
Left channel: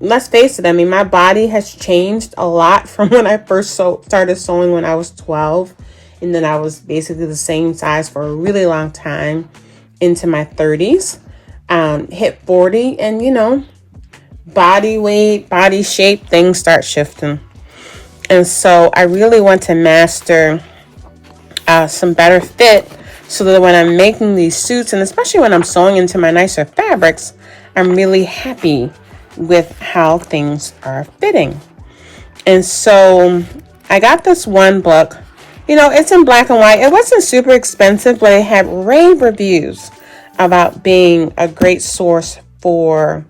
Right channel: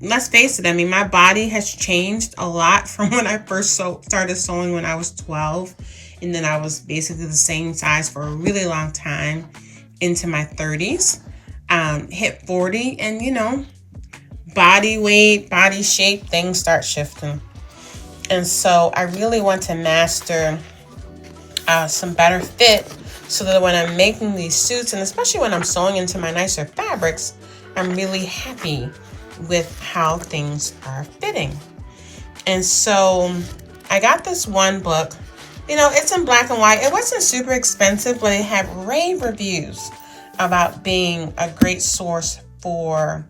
let's face it. I mean, my body has changed a lot from when I first started sewing when I was 12. And then I was basically the same size for a really long time into my 30s, hit 40, and body weight, body shape, things start shifting. And so I really want to master some better fit so that when I'm making these suits, and especially when I'm sewing into my nicer fabrics, I'm really happy with how things are fitting. And so I got this one book. It's in black and white. It wasn't super expensive, but it had rave reviews about being a great source for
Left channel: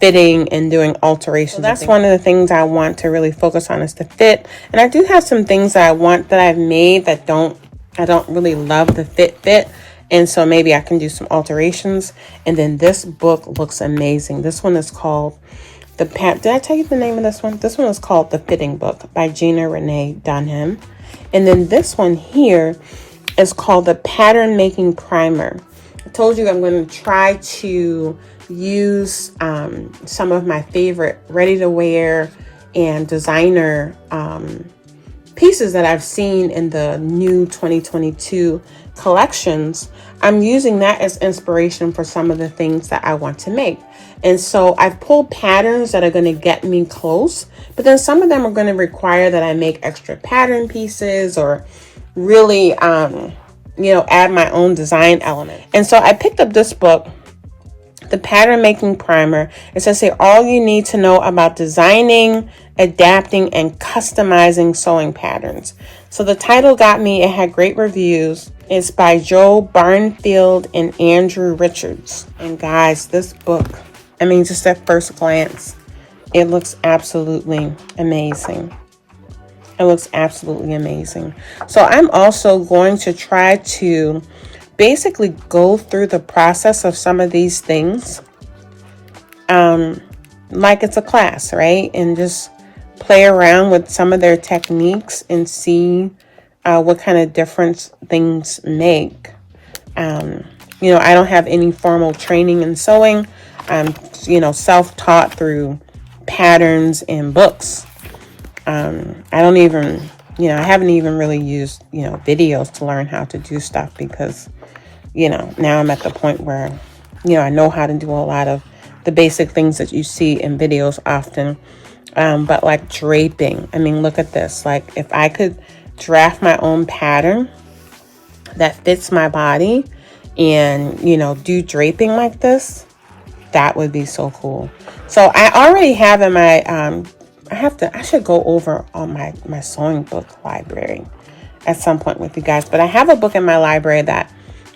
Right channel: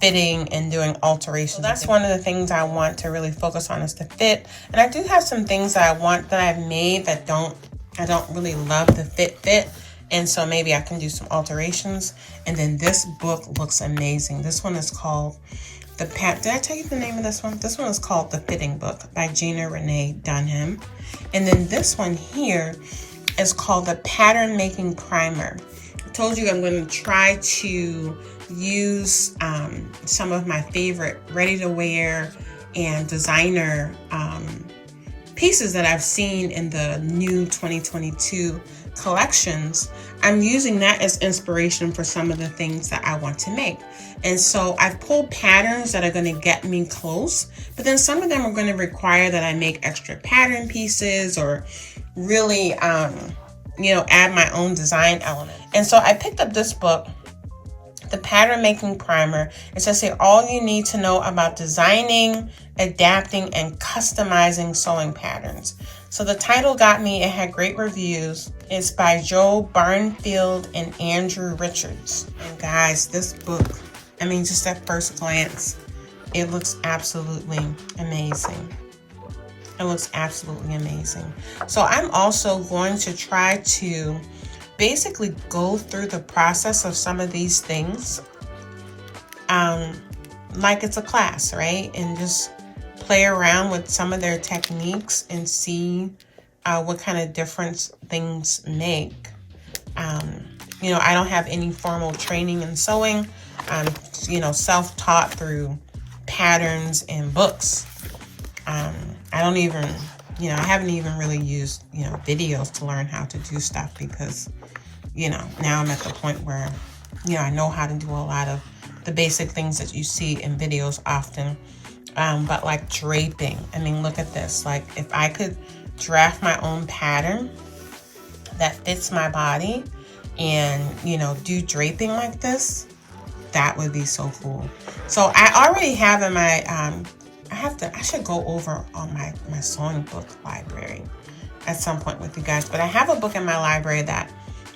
fitting and doing alterations. So that's one of the things I want to really focus on is the fit. And I do have some things that I want that I've made that I don't really love the fit. And so maybe I can do some alterations. And then this book looks amazing. This one is called did I tell you the name of this one? This one is called The Fitting Book by Gina Renee Dunham. And then this one here is called The Pattern Making Primer. I told you I'm going to try to use some of my favorite ready-to-wear and designer pieces that I've seen in the new 2022 collections. I'm using that as inspiration for some of the things that I want to make. And so I've pulled patterns that are going to get me close, but then some of them are going to require that I make extra pattern pieces or really, add my own design element. And so I picked up this book, The Pattern Making Primer. It says here, all you need to know about designing Adapting and Customizing Sewing Patterns. So the title got me. It had great reviews. It's by Joe Barnfield and Andrew Richards. And guys, this book, I mean, just at first glance, it looks absolutely amazing. It looks absolutely amazing. So I'm also going to try to basically go through the process of some of these things like it's a class, right? And just play around with some of their techniques and see what kind of difference things make. You know, I don't have any formal training in sewing. I'm, you know, self-taught through patterns and books. I don't even, you know, I haven't even really used, you know, videos to learn how to do stuff because, you know, now I'm at the point where, you know, I know how to do a lot of the basic things that you see in videos often. But like draping, I mean, look at this. Like if I could draft my own pattern that fits my body and, you know, do draping like this, that would be so cool. So I already have in my, I should go over on my sewing book library at some point with you guys, but I have a book in my library that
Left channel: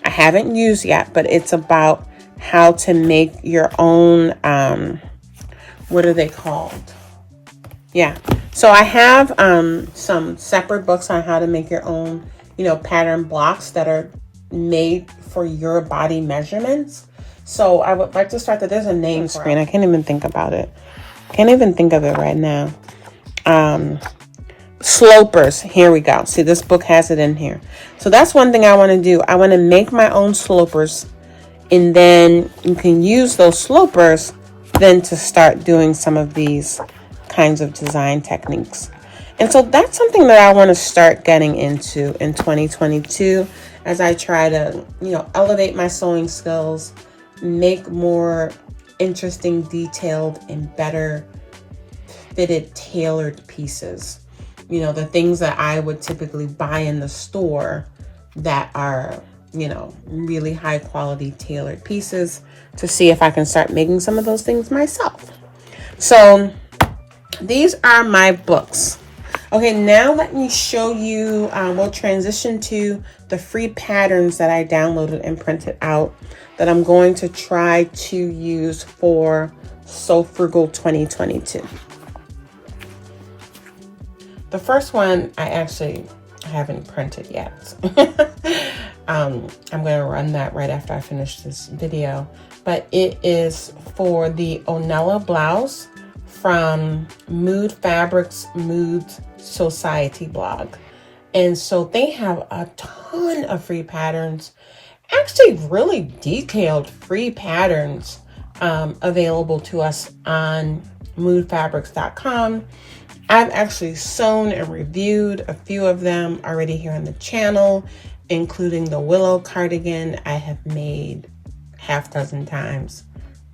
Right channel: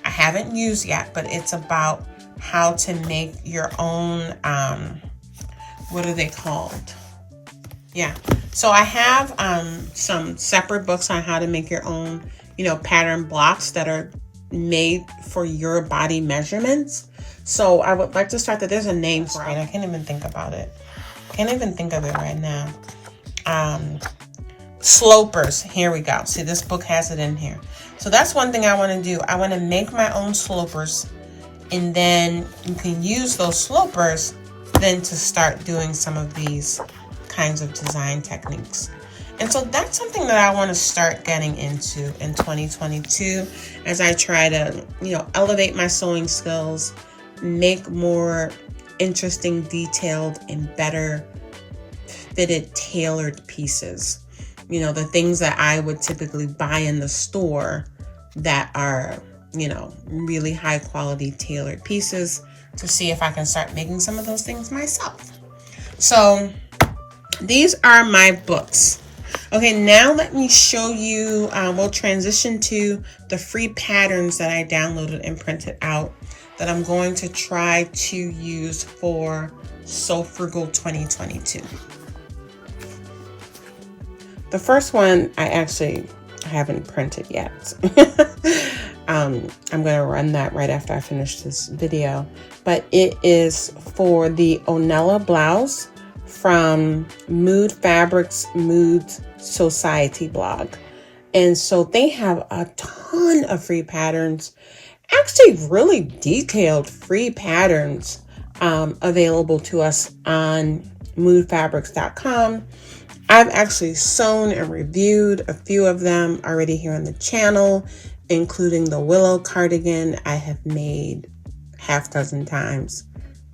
I haven't used yet, but it's about how to make your own, what are they called? Yeah. So I have some separate books on how to make your own, you know, pattern blocks that are made for your body measurements. So I would like to start that. There's a name screen. I can't even think about it. Can't even think of it right now. Slopers. Here we go. See, this book has it in here. So that's one thing I want to do. I want to make my own slopers, and then you can use those slopers then to start doing some of these kinds of design techniques. And so that's something that I want to start getting into in 2022 as I try to, you know, elevate my sewing skills, make more interesting, detailed, and better fitted, tailored pieces. You know, the things that I would typically buy in the store that are, you know, really high quality tailored pieces, to see if I can start making some of those things myself. So these are my books. Okay, now let me show you, we'll transition to the free patterns that I downloaded and printed out that I'm going to try to use for Sew Frugal 2022. The first one I haven't printed yet. I'm going to run that right after I finish this video, but it is for the Onella blouse from Mood Fabrics Mood Society blog. And so they have a ton of free patterns, actually really detailed free patterns available to us on moodfabrics.com. I've actually sewn and reviewed a few of them already here on the channel, including the Willow cardigan I have made half dozen times.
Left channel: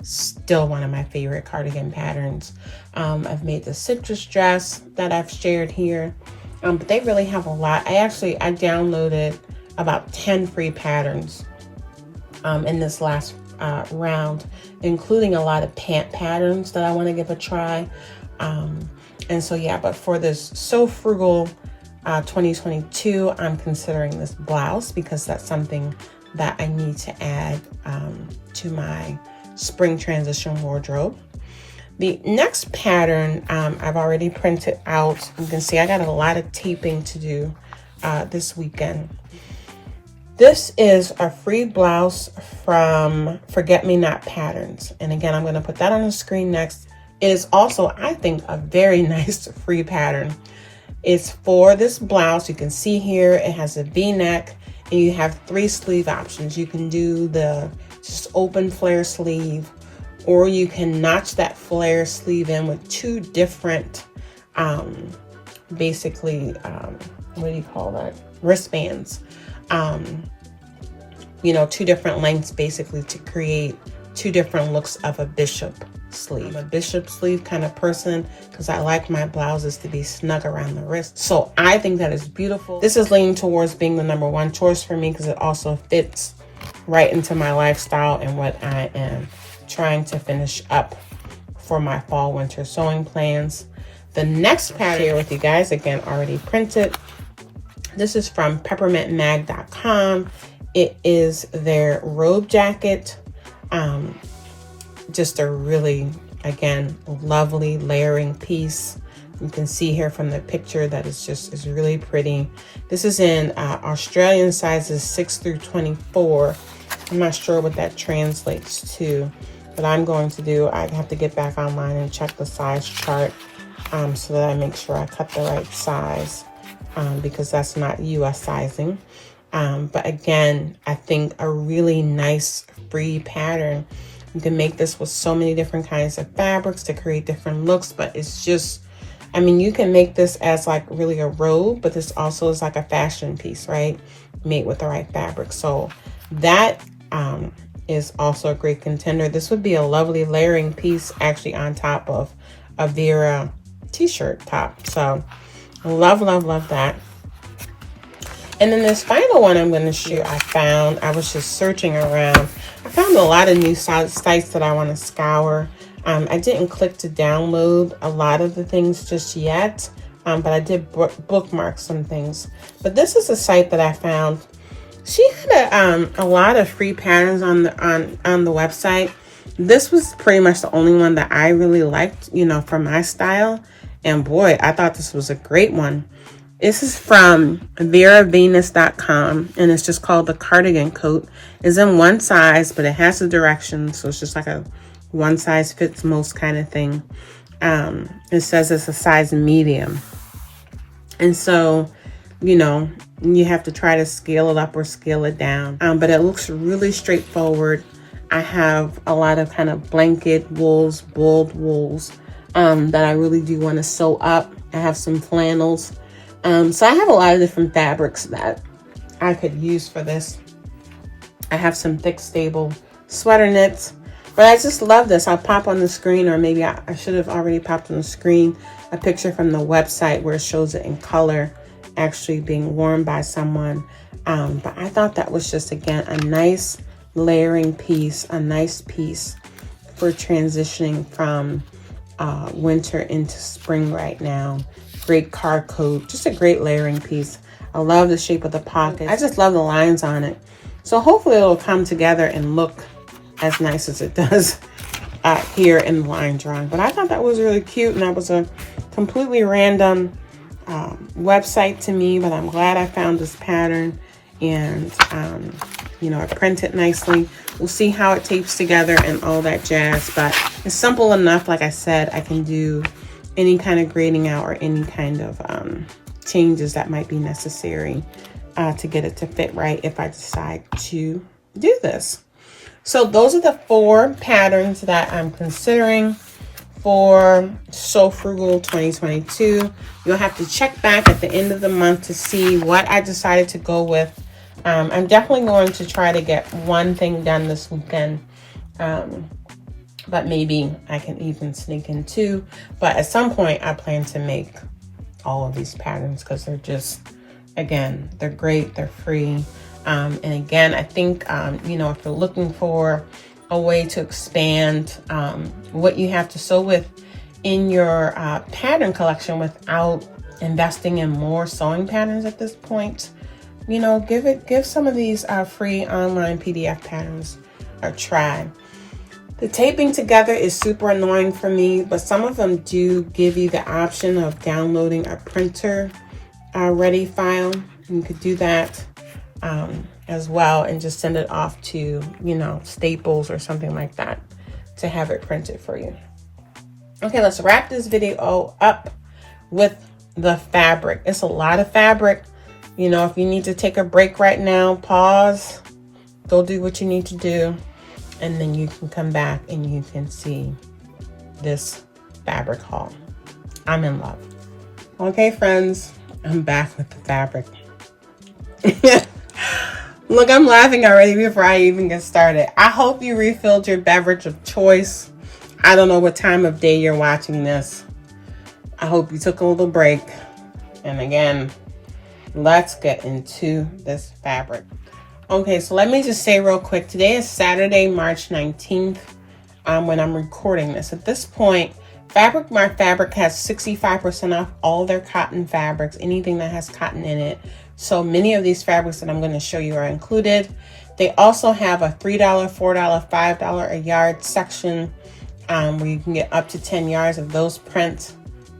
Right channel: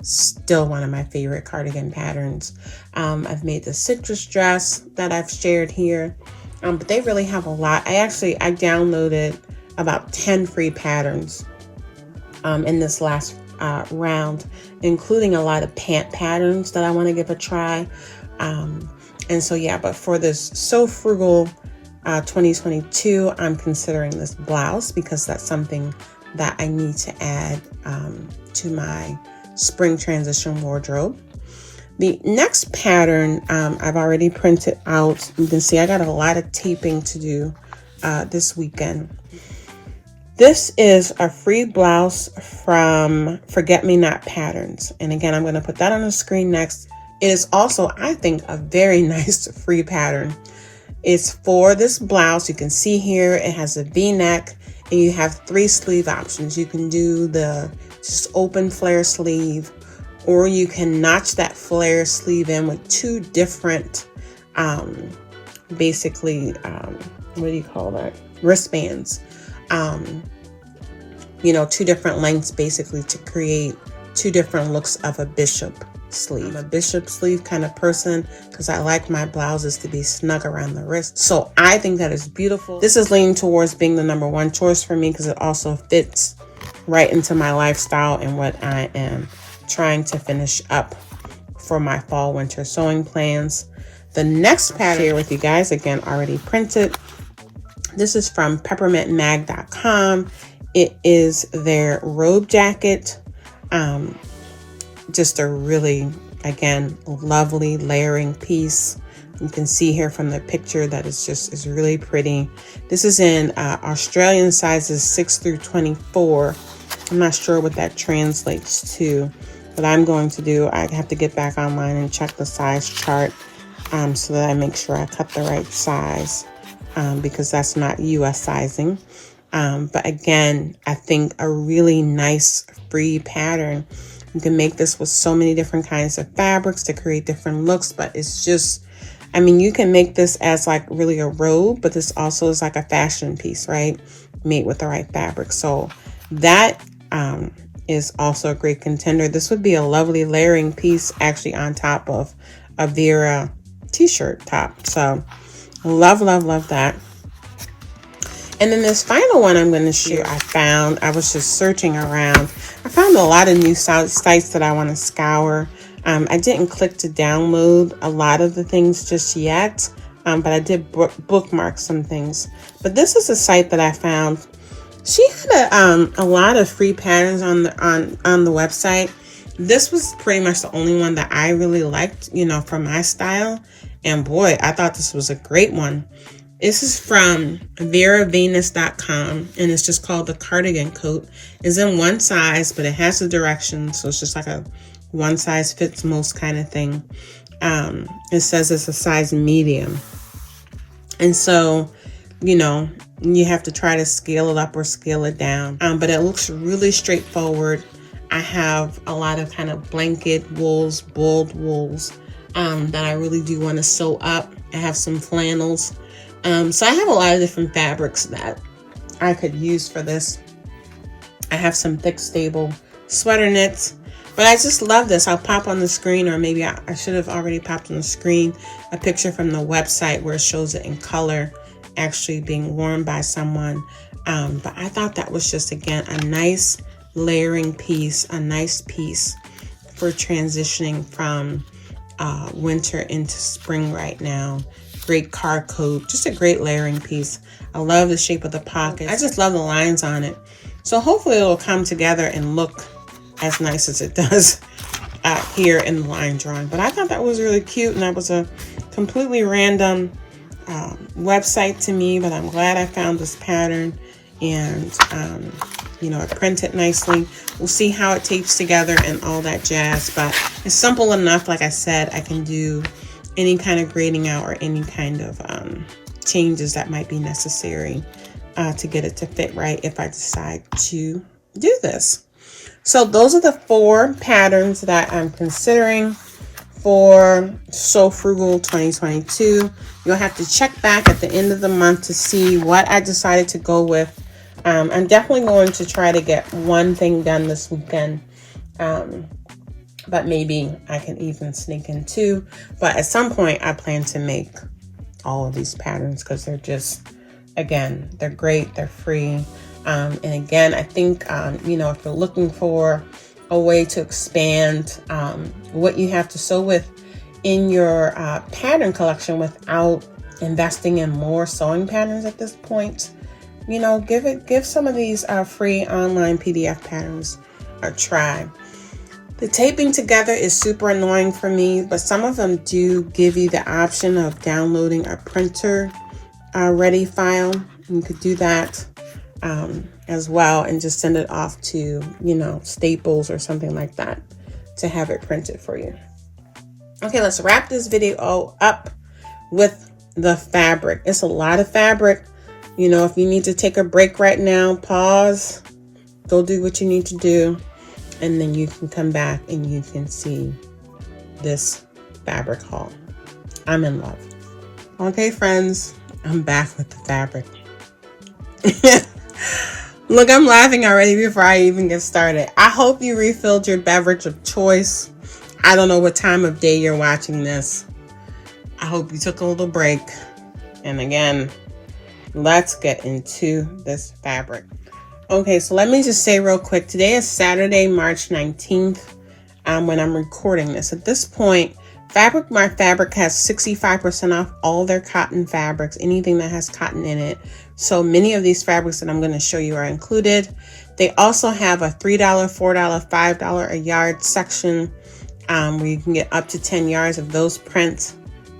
Still one of my favorite cardigan patterns. I've made the citrus dress that I've shared here, but they really have a lot. I downloaded about 10 free patterns in this last round, including a lot of pant patterns that I want to give a try. And so, yeah, but for this Sew Frugal 2022, I'm considering this blouse because that's something that I need to add to my spring transition wardrobe. The next pattern I've already printed out. You can see I got a lot of taping to do this weekend. This is a free blouse from Forget Me Not Patterns. And again, I'm going to put that on the screen next. It is also, I think, a very nice free pattern. It's for this blouse. You can see here it has a V-neck and you have 3 sleeve options. You can do the just open flare sleeve, or you can notch that flare sleeve in with 2 different, basically, what do you call that? Wristbands. You know, 2 different lengths basically to create 2 different looks of a bishop sleeve. I'm a bishop sleeve kind of person because I like my blouses to be snug around the wrist. So I think that is beautiful. This is leaning towards being the #1 choice for me because it also fits right into my lifestyle and what I am trying to finish up for my fall winter sewing plans. The next pattern I'll share with you guys, again, already printed. This is from peppermintmag.com. It is their robe jacket. Just a really, again, lovely layering piece. You can see here from the picture that is really pretty. This is in Australian sizes 6 through 24. I'm not sure what that translates to. What I'm going to do, I have to get back online and check the size chart so that I make sure I cut the right size because that's not US sizing. But again, I think a really nice free pattern. You can make this with so many different kinds of fabrics to create different looks, but it's just, I mean, you can make this as like really a robe, but this also is like a fashion piece, right? Made with the right fabric. So that is also a great contender. This would be a lovely layering piece actually on top of a Vera t-shirt top. So love, love, love that. And then this final one I'm going to share, I was just searching around. I found a lot of new sites that I want to scour. I didn't click to download a lot of the things just yet, but I did bookmark some things. But this is a site that I found. She had a lot of free patterns on the website. This was pretty much the only one that I really liked, you know, for my style. And boy, I thought this was a great one. This is from veravenus.com, and it's just called the cardigan coat. It's in one size, but it has the directions, so it's just like a one size fits most kind of thing. It says it's a size medium. And so, you know, you have to try to scale it up or scale it down. But it looks really straightforward. I have a lot of kind of blanket wools, boiled wools that I really do want to sew up. I have some flannels. So I have a lot of different fabrics that I could use for this. I have some thick, stable sweater knits. But I just love this. I'll pop on the screen, or maybe I should have already popped on the screen, a picture from the website where it shows it in color, actually being worn by someone. But I thought that was just, again, a nice layering piece, a nice piece for transitioning from winter into spring right now. Great car coat, just a great layering piece. I love the shape of the pocket. I just love the lines on it. So hopefully it'll come together and look as nice as it does here in the line drawing. But I thought that was really cute, and that was a completely random website to me, but I'm glad I found this pattern, and you know, it printed nicely. We'll see how it tapes together and all that jazz, but it's simple enough. Like I said, I can do any kind of grading out or any kind of changes that might be necessary to get it to fit right if I decide to do this. So those are the 4 patterns that I'm considering for Sew Frugal 2022. You'll have to check back at the end of the month to see what I decided to go with. I'm definitely going to try to get one thing done this weekend. But maybe I can even sneak in 2. But at some point, I plan to make all of these patterns because they're just, again, they're great. They're free. And again, I think, you know, if you're looking for a way to expand what you have to sew with in your pattern collection without investing in more sewing patterns at this point, you know, give some of these free online PDF patterns a try. The taping together is super annoying for me, but some of them do give you the option of downloading a printer ready file. You could do that as well and just send it off to, you know, Staples or something like that to have it printed for you. Okay, let's wrap this video up with the fabric. It's a lot of fabric. You know, if you need to take a break right now, pause, go do what you need to do, and then you can come back and you can see this fabric haul. I'm in love. Okay, friends, I'm back with the fabric. Look, I'm laughing already before I even get started. I hope you refilled your beverage of choice. I don't know what time of day you're watching this. I hope you took a little break. And again, let's get into this fabric. Okay, so let me just say real quick. Today is Saturday, March 19th, when I'm recording this. At this point, Fabric My Fabric has 65% off all their cotton fabrics, anything that has cotton in it. So many of these fabrics that I'm going to show you are included. They also have a $3, $4, $5 a yard section where you can get up to 10 yards of those prints.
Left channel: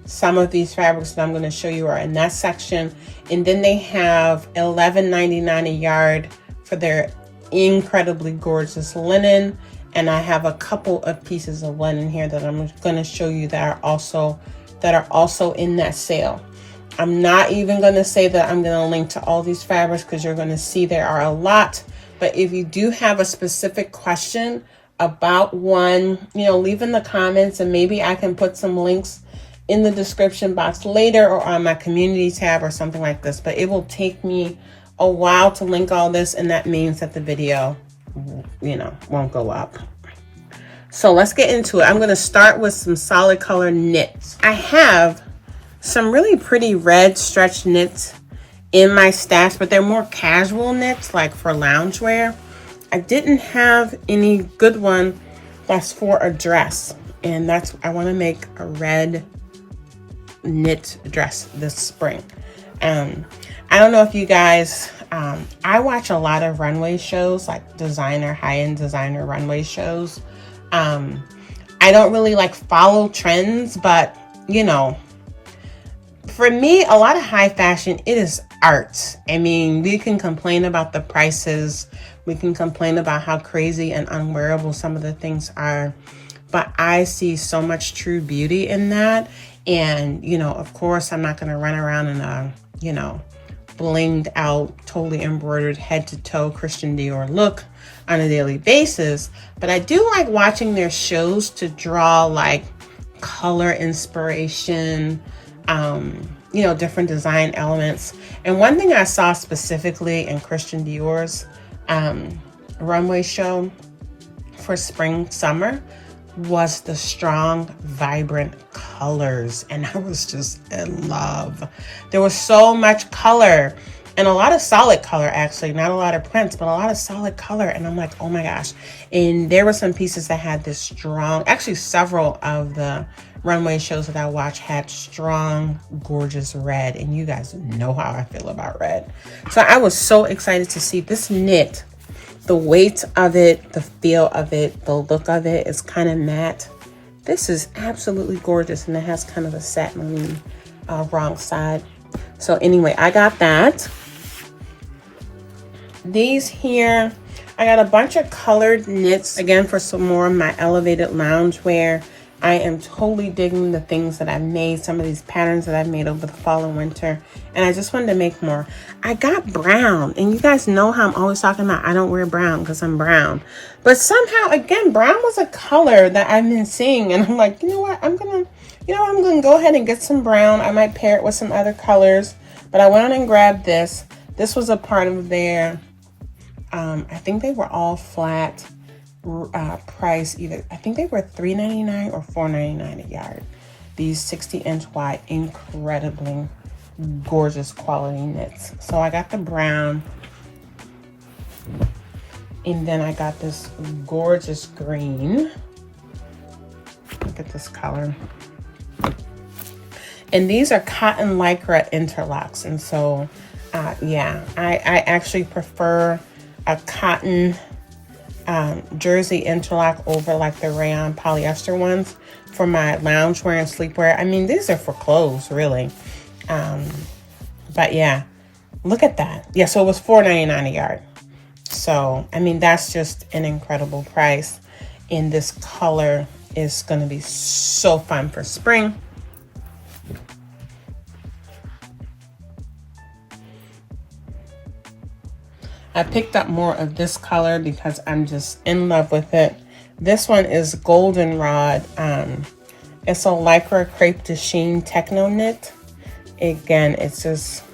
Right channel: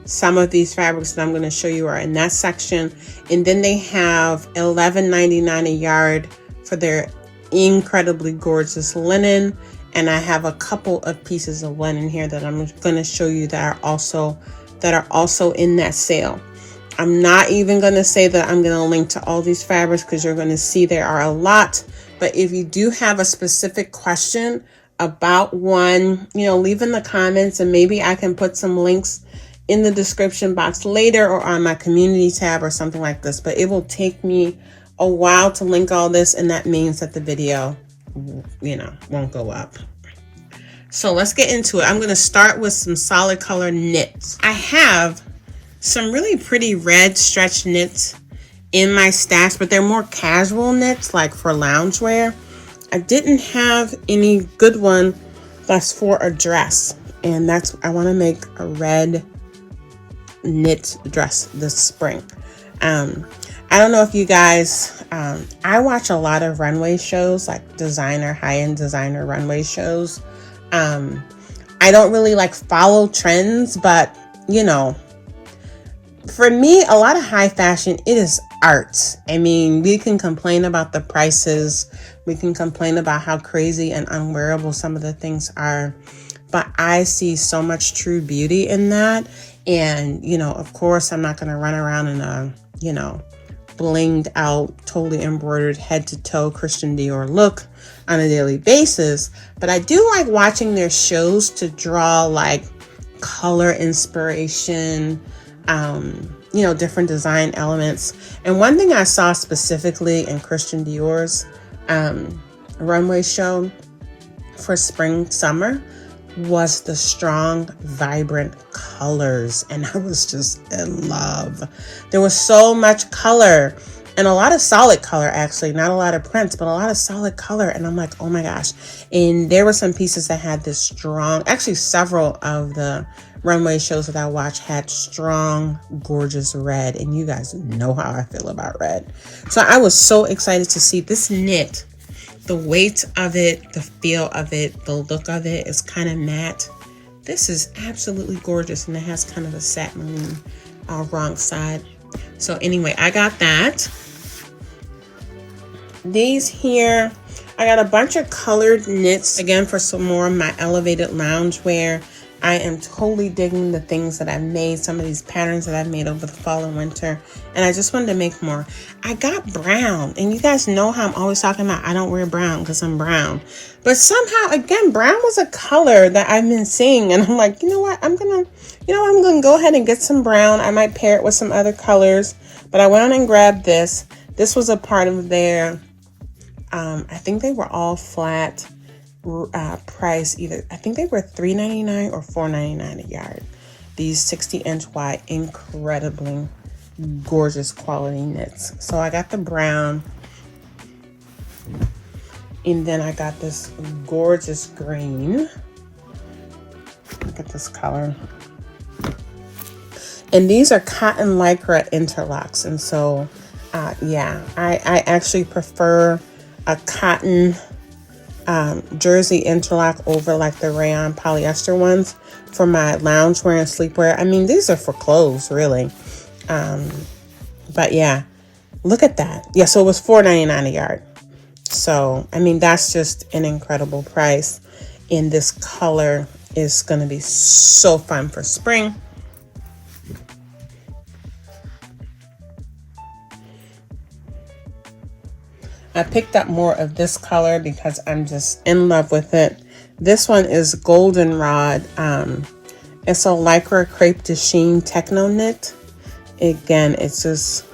Some of these fabrics that I'm going to show you are in that section. And then they have $11.99 a yard for their incredibly gorgeous linen. And I have a couple of pieces of linen here that I'm going to show you that are also in that sale. I'm not even going to say that I'm going to link to all these fabrics because you're going to see there are a lot. But if you do have a specific question about one, you know, leave in the comments and maybe I can put some links in the description box later or on my community tab or something like this. But it will take me a while to link all this, and that means that the video, you know, won't go up. So let's get into it. I'm going to start with some solid color knits. I have some really pretty red stretch knits in my stash, but they're more casual knits, like for loungewear. I didn't have any good one that's for a dress, and I want to make a red knit dress this spring. I don't know if you guys, I watch a lot of runway shows, like high-end designer runway shows. I don't really like follow trends, but you know, for me, a lot of high fashion, it is art. I mean, we can complain about the prices. We can complain about how crazy and unwearable some of the things are, but I see so much true beauty in that. And, you know, of course, I'm not going to run around in a, you know, blinged out, totally embroidered head to toe Christian Dior look on a daily basis. But I do like watching their shows to draw like color inspiration, you know, different design elements. And one thing I saw specifically in Christian Dior's runway show for spring, summer was the strong, vibrant colors. And I was just in love. There was so much color and a lot of solid color, actually, not a lot of prints, but a lot of solid color. And I'm like, oh my gosh. And there were some pieces that had this strong, actually several of the runway shows that I watched had strong, gorgeous red. And you guys know how I feel about red. So I was so excited to see this knit. The weight of it, the feel of it, the look of it is kind of matte. This is absolutely gorgeous, and it has kind of a satin wrong side. So anyway, I got that. These here, I got a bunch of colored knits, again, for some more of my elevated loungewear. I am totally digging the things that I've made, some of these patterns that I've made over the fall and winter, and I just wanted to make more. I got brown, and you guys know how I'm always talking about I don't wear brown because I'm brown. But somehow, again, brown was a color that I've been seeing, and I'm like, you know what, I'm gonna go ahead and get some brown. I might pair it with some other colors, but I went on and grabbed this. This was a part of their, I think they were all flat price, either I think they were $3.99 or $4.99 a yard. These 60-inch wide, incredibly gorgeous quality knits. So I got the brown, and then I got this gorgeous green. Look at this color. And these are cotton lycra interlocks, and so yeah, I actually prefer a cotton jersey interlock over like the rayon polyester ones for my loungewear and sleepwear. I mean, these are for clothes, really. But yeah, look at that. Yeah, so it was $4.99 a yard. So, I mean, that's just an incredible price. And this color is going to be so fun for spring. I picked up more of this color because I'm just in love with it. This one is Goldenrod. It's a lycra crepe de chine techno knit. Again, it's just,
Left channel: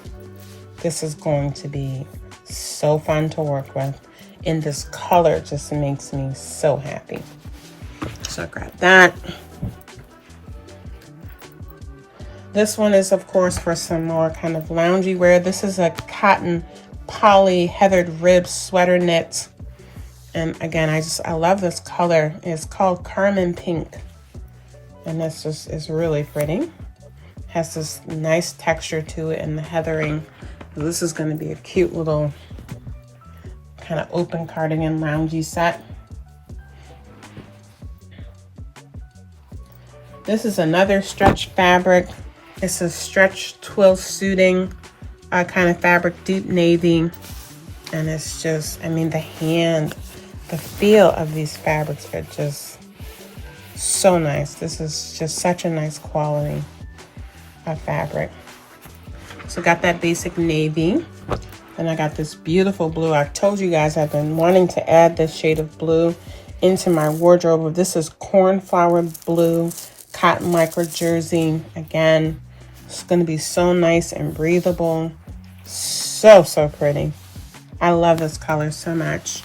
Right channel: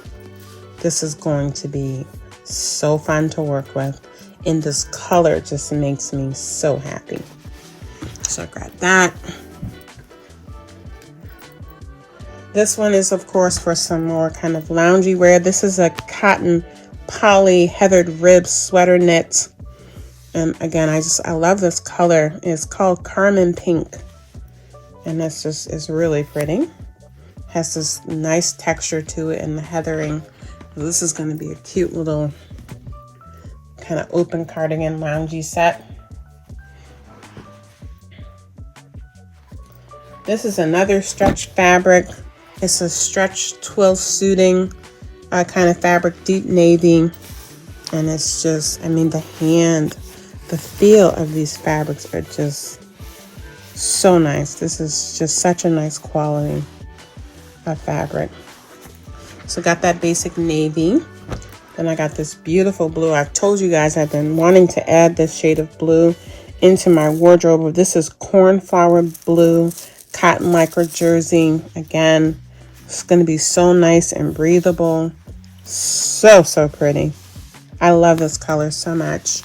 this is going to be so fun to work with. And this color just makes me so happy. So I grabbed that. This one is, of course, for some more kind of loungy wear. This is a cotton poly heathered rib sweater knit, and again, I love this color. It's called Carmine Pink, And that's just, it's really pretty. Has this nice texture to it and the heathering. This is going to be a cute little kind of open cardigan loungy set. This is another stretch fabric. It's a stretch twill suiting kind of fabric, deep navy. And it's just, I mean, the feel of these fabrics are just so nice. This is just such a nice quality of fabric. So got that basic navy. Then I got this beautiful blue. I told you guys I've been wanting to add this shade of blue into my wardrobe. This is cornflower blue, cotton lycra jersey. Again, it's going to be so nice and breathable. So, so pretty. I love this color so much.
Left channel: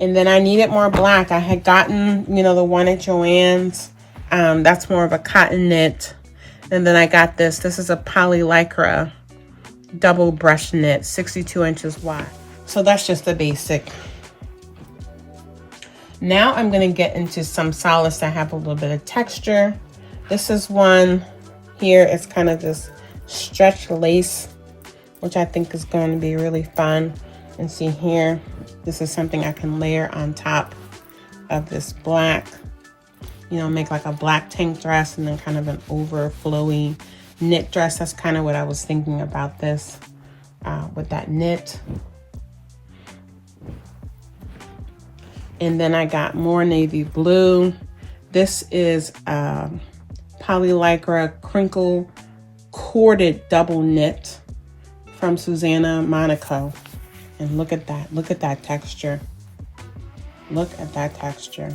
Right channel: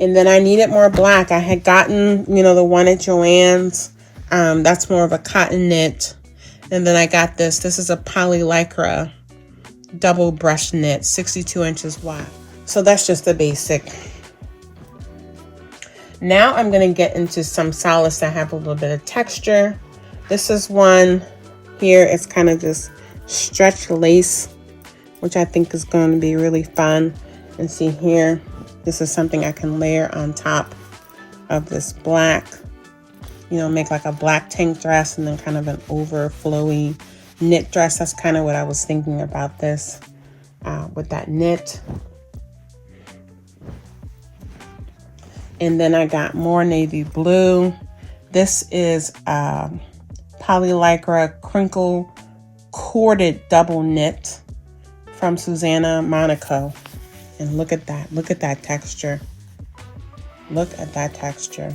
And then I needed more black. I had gotten, you know, the one at Joann's. That's more of a cotton knit. And then I got this. This is a poly lycra double brush knit, 62 inches wide. So that's just the basic. Now I'm going to get into some solids that have a little bit of texture. This is one here. It's kind of just stretch lace, which I think is going to be really fun. And see here, this is something I can layer on top of this black, you know, make like a black tank dress and then kind of an overflowy knit dress. That's kind of what I was thinking about this with that knit. And then I got more navy blue. This is poly lycra crinkle corded double knit from Susanna Monaco. And look at that. Look at that texture. Look at that texture.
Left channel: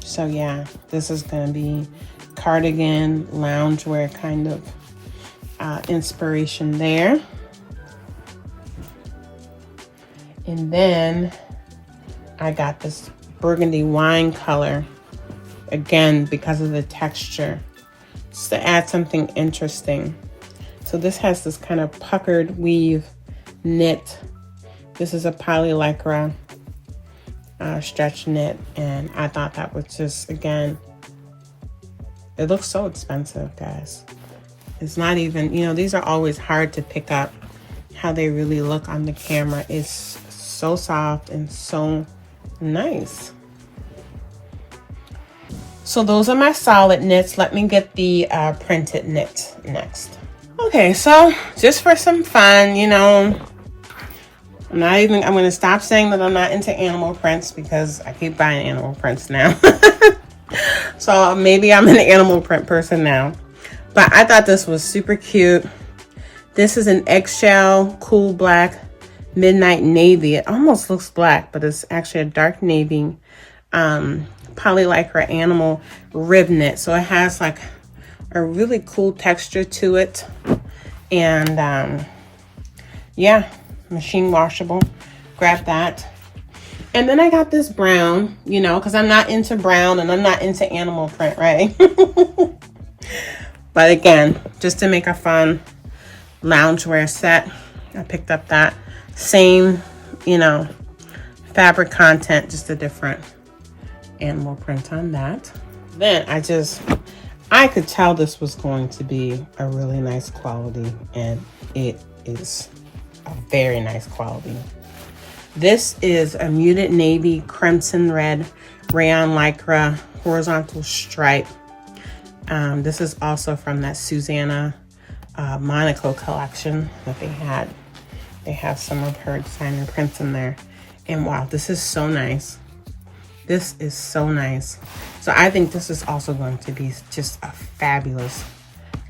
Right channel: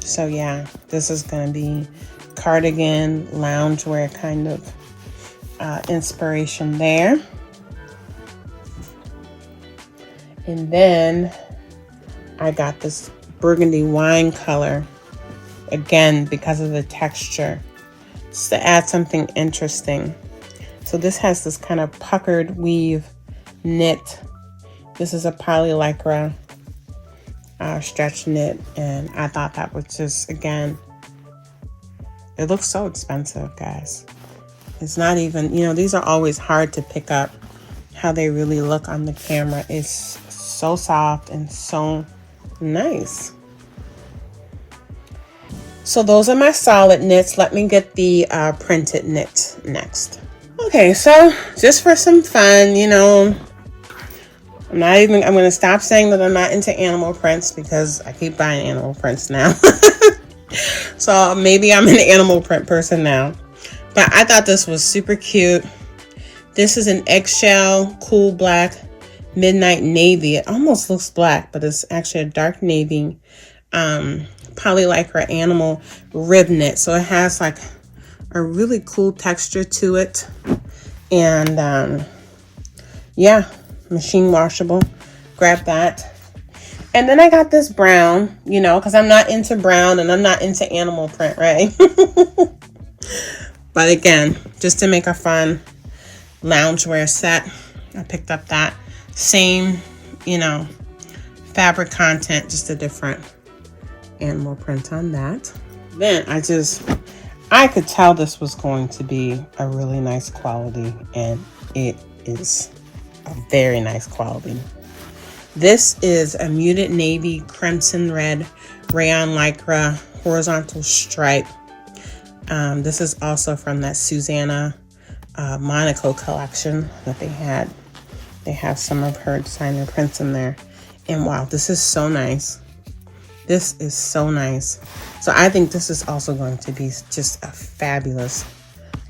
So yeah, this is going to be cardigan, loungewear kind of inspiration there. And then I got this burgundy wine color, again, because of the texture, just to add something interesting. So this has this kind of puckered weave knit. This is a poly lycra stretch knit, and I thought that was just, again, it looks so expensive, guys. It's not even, you know, these are always hard to pick up how they really look on the camera. It's so soft and so nice. So those are my solid knits. Let me get the printed knit next. Okay, so just for some fun, you know, I'm going to stop saying that I'm not into animal prints because I keep buying animal prints now. So maybe I'm an animal print person now. But I thought this was super cute. This is an eggshell, cool black, midnight navy. It almost looks black, but it's actually a dark navy poly lycra animal rib knit. So it has like a really cool texture to it. And yeah, machine washable. Grab that. And then I got this brown, you know, because I'm not into brown and I'm not into animal print, right? But again, just to make a fun loungewear set, I picked up that same, you know, fabric content, just a different animal print on that. Then I could tell this was going to be a really nice quality, and it is a very nice quality. This is a muted navy crimson red rayon lycra horizontal stripe. This is also from that Susanna Monaco collection that they had. They have some of her designer prints in there. And wow, this is so nice. This is so nice. So I think this is also going to be just a fabulous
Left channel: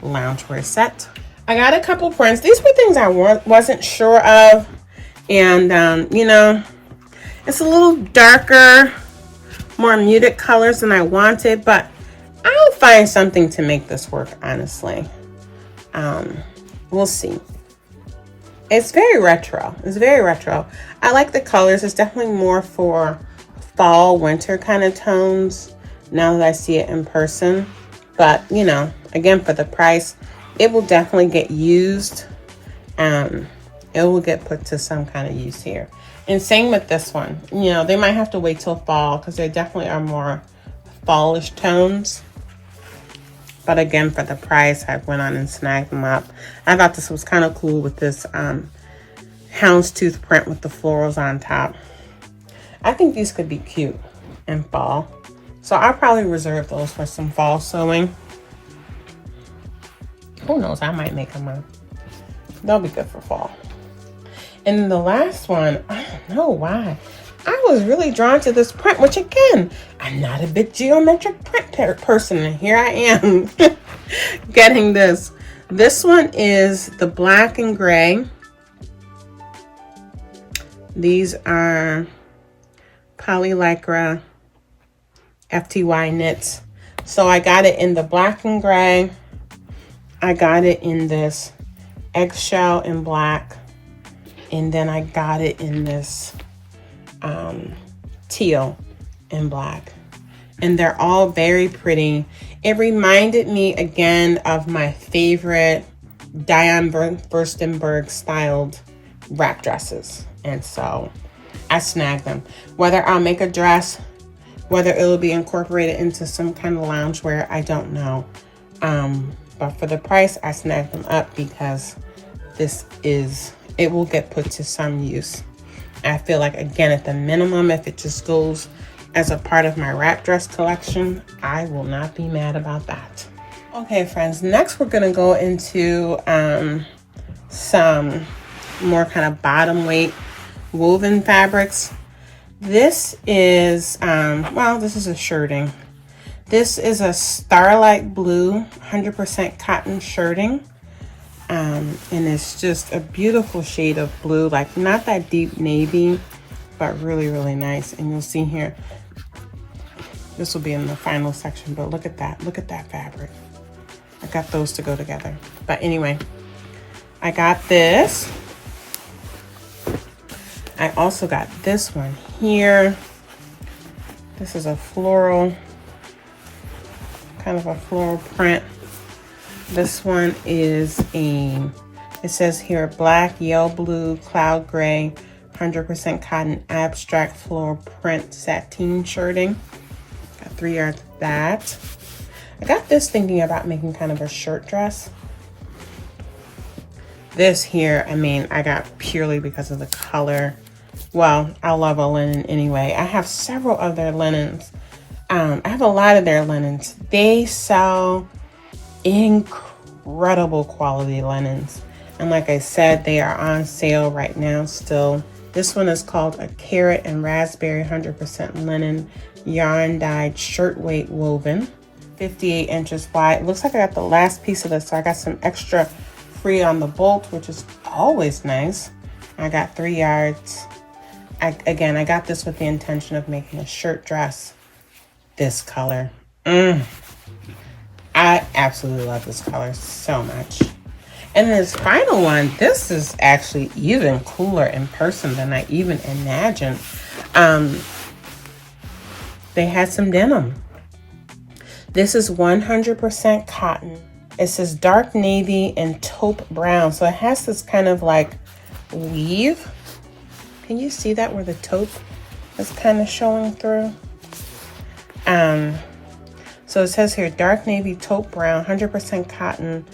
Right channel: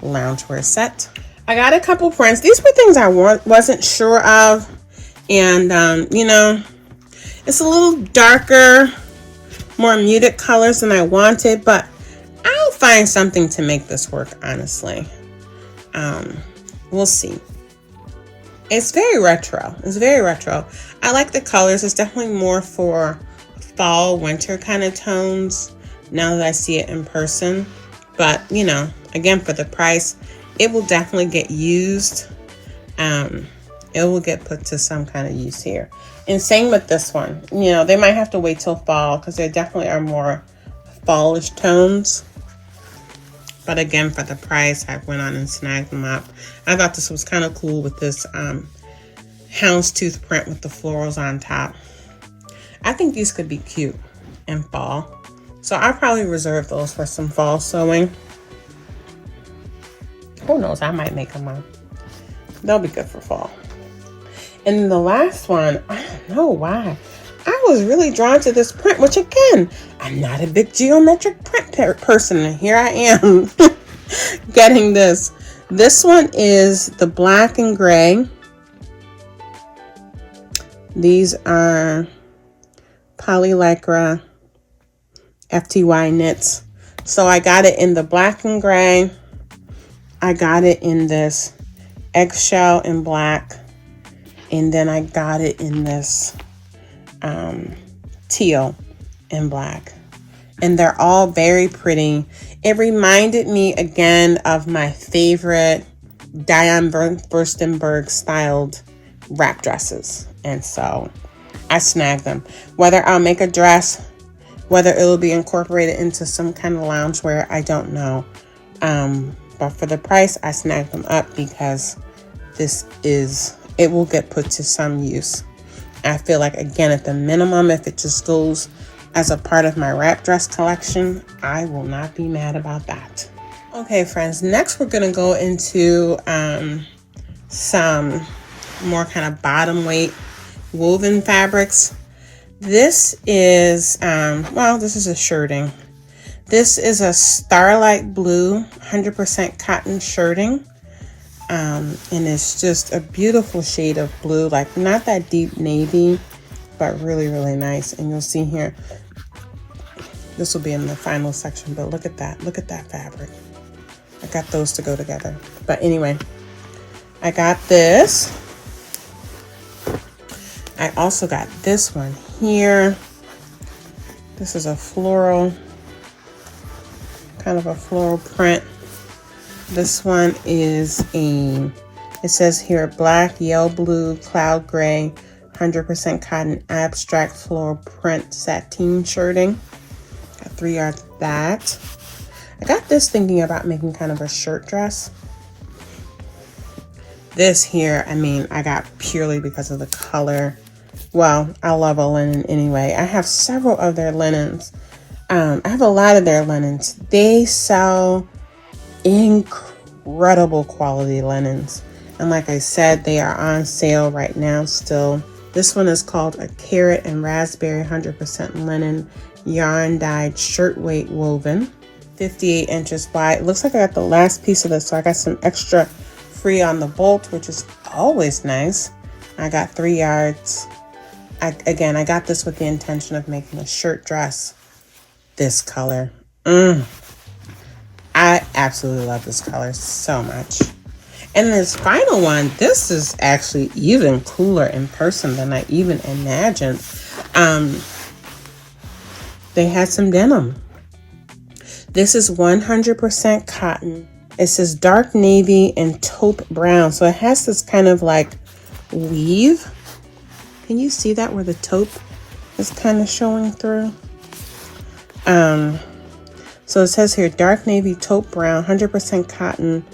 loungewear set. I got a couple prints. These were things I wasn't sure of. And, you know, it's a little darker, more muted colors than I wanted, but I'll find something to make this work, honestly. We'll see. It's very retro. It's very retro. I like the colors. It's definitely more for fall, winter kind of tones now that I see it in person. But, you know, again, for the price, it will definitely get used. it will get put to some kind of use here. And same with this one. You know, they might have to wait till fall because there definitely are more fallish tones. But again, for the price, I went on and snagged them up. I thought this was kind of cool with this houndstooth print with the florals on top. I think these could be cute in fall. So I'll probably reserve those for some fall sewing. Who knows, I might make them up. They'll be good for fall. And then the last one, I don't know why. I was really drawn to this print, which again, I'm not a big geometric print person. And here I am getting this. This one is the black and gray. These are polylycra FTY knits. So I got it in the black and gray. I got it in this eggshell and black. And then I got it in this teal and black. And they're all very pretty. It reminded me again of my favorite Diane Furstenberg styled wrap dresses. And so I snagged them. Whether I'll make a dress, whether it'll be incorporated into some kind of loungewear, I don't know. But for the price, I snagged them up because it will get put to some use. I feel like, again, at the minimum, if it just goes as a part of my wrap dress collection, I will not be mad about that. Okay, friends, next we're going to go into some more kind of bottom weight woven fabrics. This is, this is a shirting. This is a starlight blue, 100% cotton shirting. And it's just a beautiful shade of blue, like not that deep navy, but really, really nice. And you'll see here, this will be in the final section, but look at that fabric. I got those to go together. But anyway, I got this. I also got this one here. This is a floral, kind of a floral print. This one is it says here, black, yellow, blue, cloud gray, 100% cotton abstract floral print sateen shirting. Got 3 yards of that. I got this thinking about making kind of a shirt dress. This here, I mean, I got purely because of the color. Well, I love a linen anyway. I have several of their linens. I have a lot of their linens. They sell incredible quality linens. And like I said, they are on sale right now still. This one is called a carrot and raspberry 100% linen yarn dyed shirt weight woven. 58 inches wide. It looks like I got the last piece of this, so I got some extra free on the bolt, which is always nice. I got 3 yards. Again, I got this with the intention of making a shirt dress. This color. I absolutely love this color so much. And this final one, this is actually even cooler in person than I even imagined. They had some denim. This is 100% cotton. It says dark navy and taupe brown. So it has this kind of like weave. Can you see that where the taupe is kind of showing through? So it says here, dark navy, taupe brown, 100% cotton,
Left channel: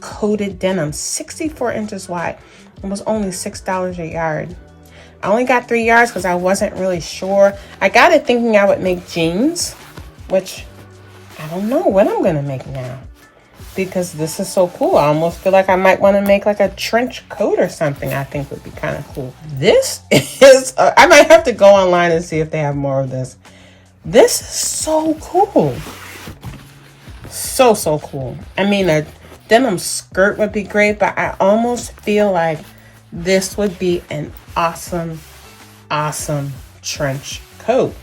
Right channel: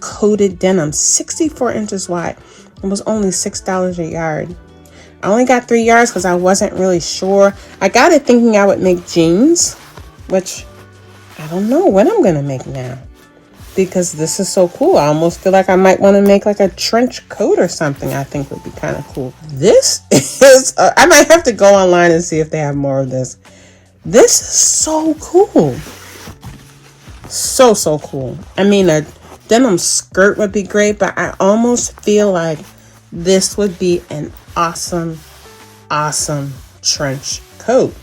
coated denim, 64 inches wide. It was only $6 a yard. I only got 3 yards because I wasn't really sure. I got it thinking I would make jeans, which I don't know what I'm gonna make now because this is so cool. I almost feel like I might want to make like a trench coat or something. I think would be kind of cool. This is, I might have to go online and see if they have more of this. This is so cool. So cool. I mean, a denim skirt would be great, but I almost feel like this would be an awesome trench coat.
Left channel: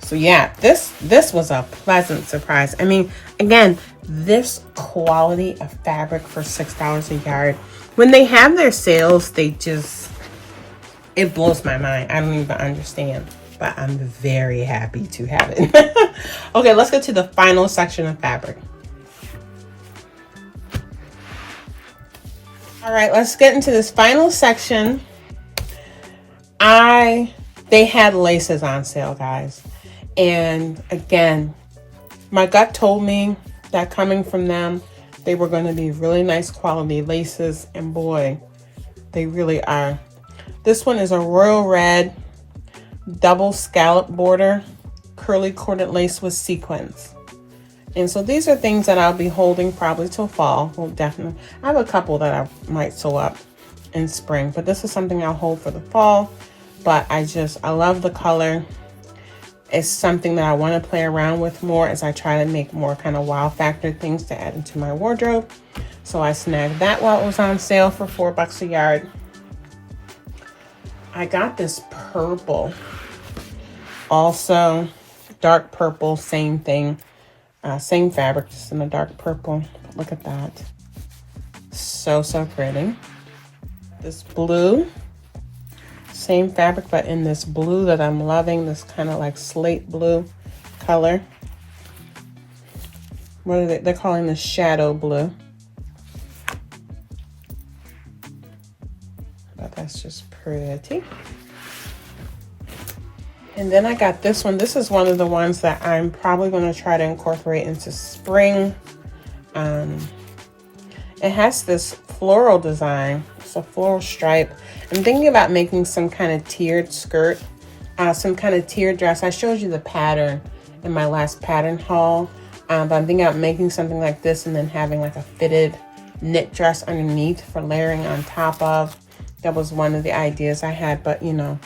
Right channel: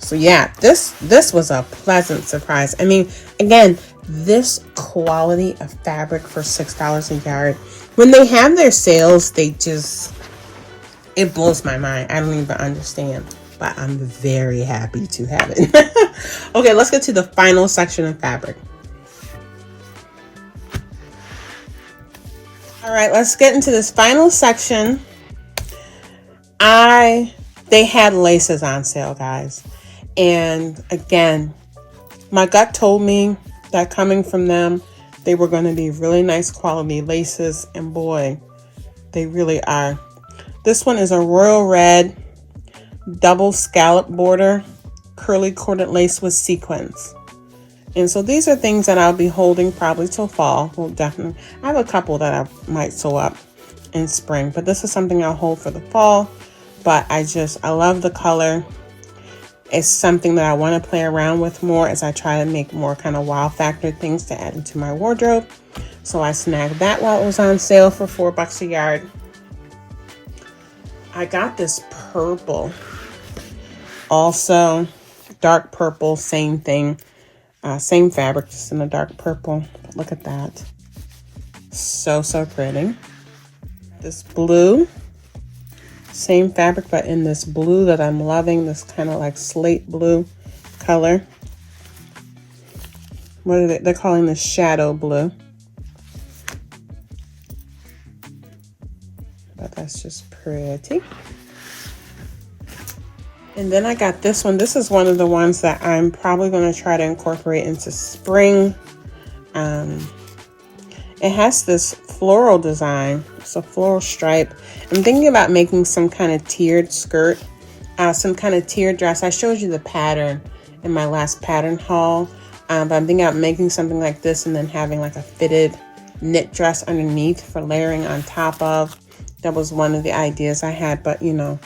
So yeah, this was a pleasant surprise. I mean, again, this quality of fabric for $6 a yard. When they have their sales, it blows my mind. I don't even understand. But I'm very happy to have it. Okay, let's get to the final section of fabric. All right, let's get into this final section. They had laces on sale, guys. And again, my gut told me that coming from them, they were going to be really nice quality laces. And boy, they really are. This one is a royal red double scallop border, curly corded lace with sequins. And so these are things that I'll be holding probably till fall. Well, definitely. I have a couple that I might sew up in spring, but this is something I'll hold for the fall. But I love the color. It's something that I want to play around with more as I try to make more kind of wow factor things to add into my wardrobe. So I snagged that while it was on sale for $4 a yard. I got this purple. Also, dark purple, same thing. Same fabric, just in a dark purple. Look at that. So pretty. This blue. Same fabric, but in this blue that I'm loving, this kind of like slate blue color. What are they're calling this shadow blue. But that's just pretty. And then I got this one. This is one of the ones that I'm probably going to try to incorporate into spring. It has this floral design. It's a floral stripe. I'm thinking about making some kind of tiered skirt, some kind of tiered dress. I showed you the pattern in my last pattern haul, but I'm thinking about making something like this and then having like a fitted knit dress underneath for layering on top of. That was one of the ideas I had, but you know,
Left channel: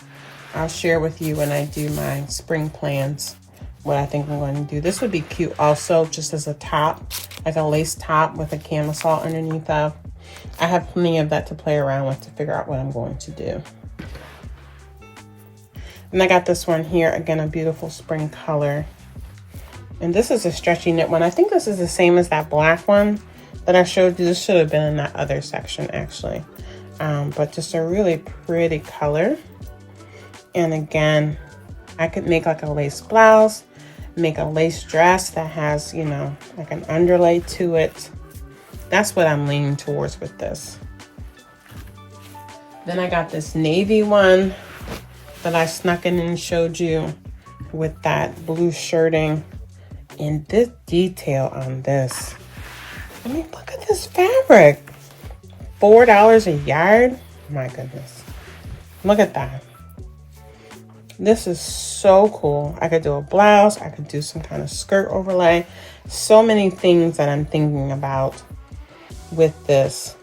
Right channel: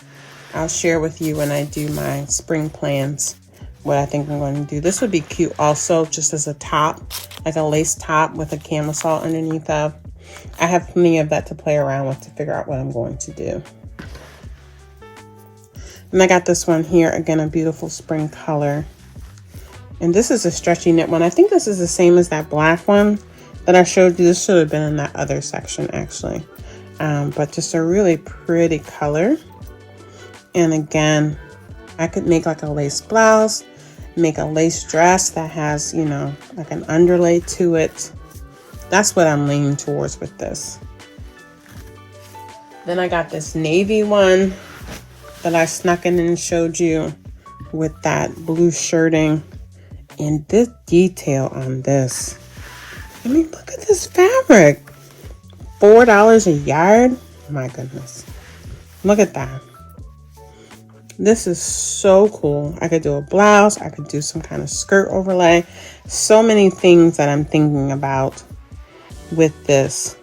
I'll share with you when I do my spring plans what I think I'm going to do. This would be cute also, just as a top, like a lace top with a camisole underneath of. I have plenty of that to play around with to figure out what I'm going to do. And I got this one here, again, a beautiful spring color. And this is a stretchy knit one. I think this is the same as that black one that I showed you. This should have been in that other section, actually. But just a really pretty color. And again, I could make like a lace blouse, make a lace dress that has, you know, like an underlay to it. That's what I'm leaning towards with this. Then I got this navy one that I snuck in and showed you with that blue shirting. And this detail on this, I mean, look at this fabric. $4 a yard. My goodness. Look at that. This is so cool. I could do a blouse. I could do some kind of skirt overlay. So many things that I'm thinking about with this.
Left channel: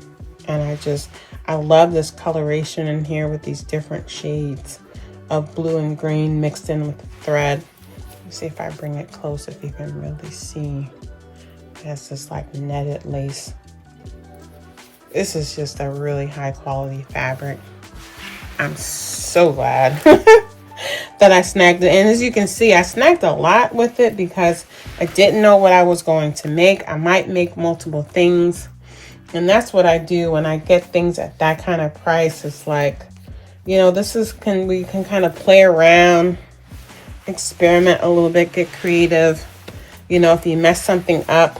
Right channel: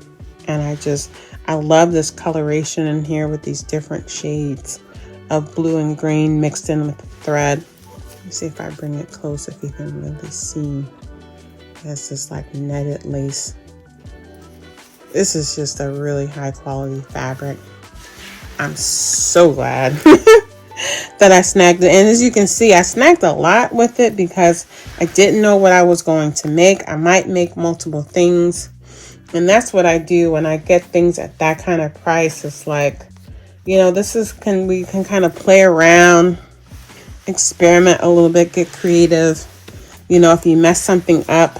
And I love this coloration in here with these different shades of blue and green mixed in with the thread. Let me see if I bring it close, if you can really see. It has this like netted lace. This is just a really high quality fabric. I'm so glad that I snagged it. And as you can see, I snagged a lot with it because I didn't know what I was going to make. I might make multiple things. And that's what I do when I get things at that kind of price. It's like, you know, we can kind of play around, experiment a little bit, get creative. You know, if you mess something up,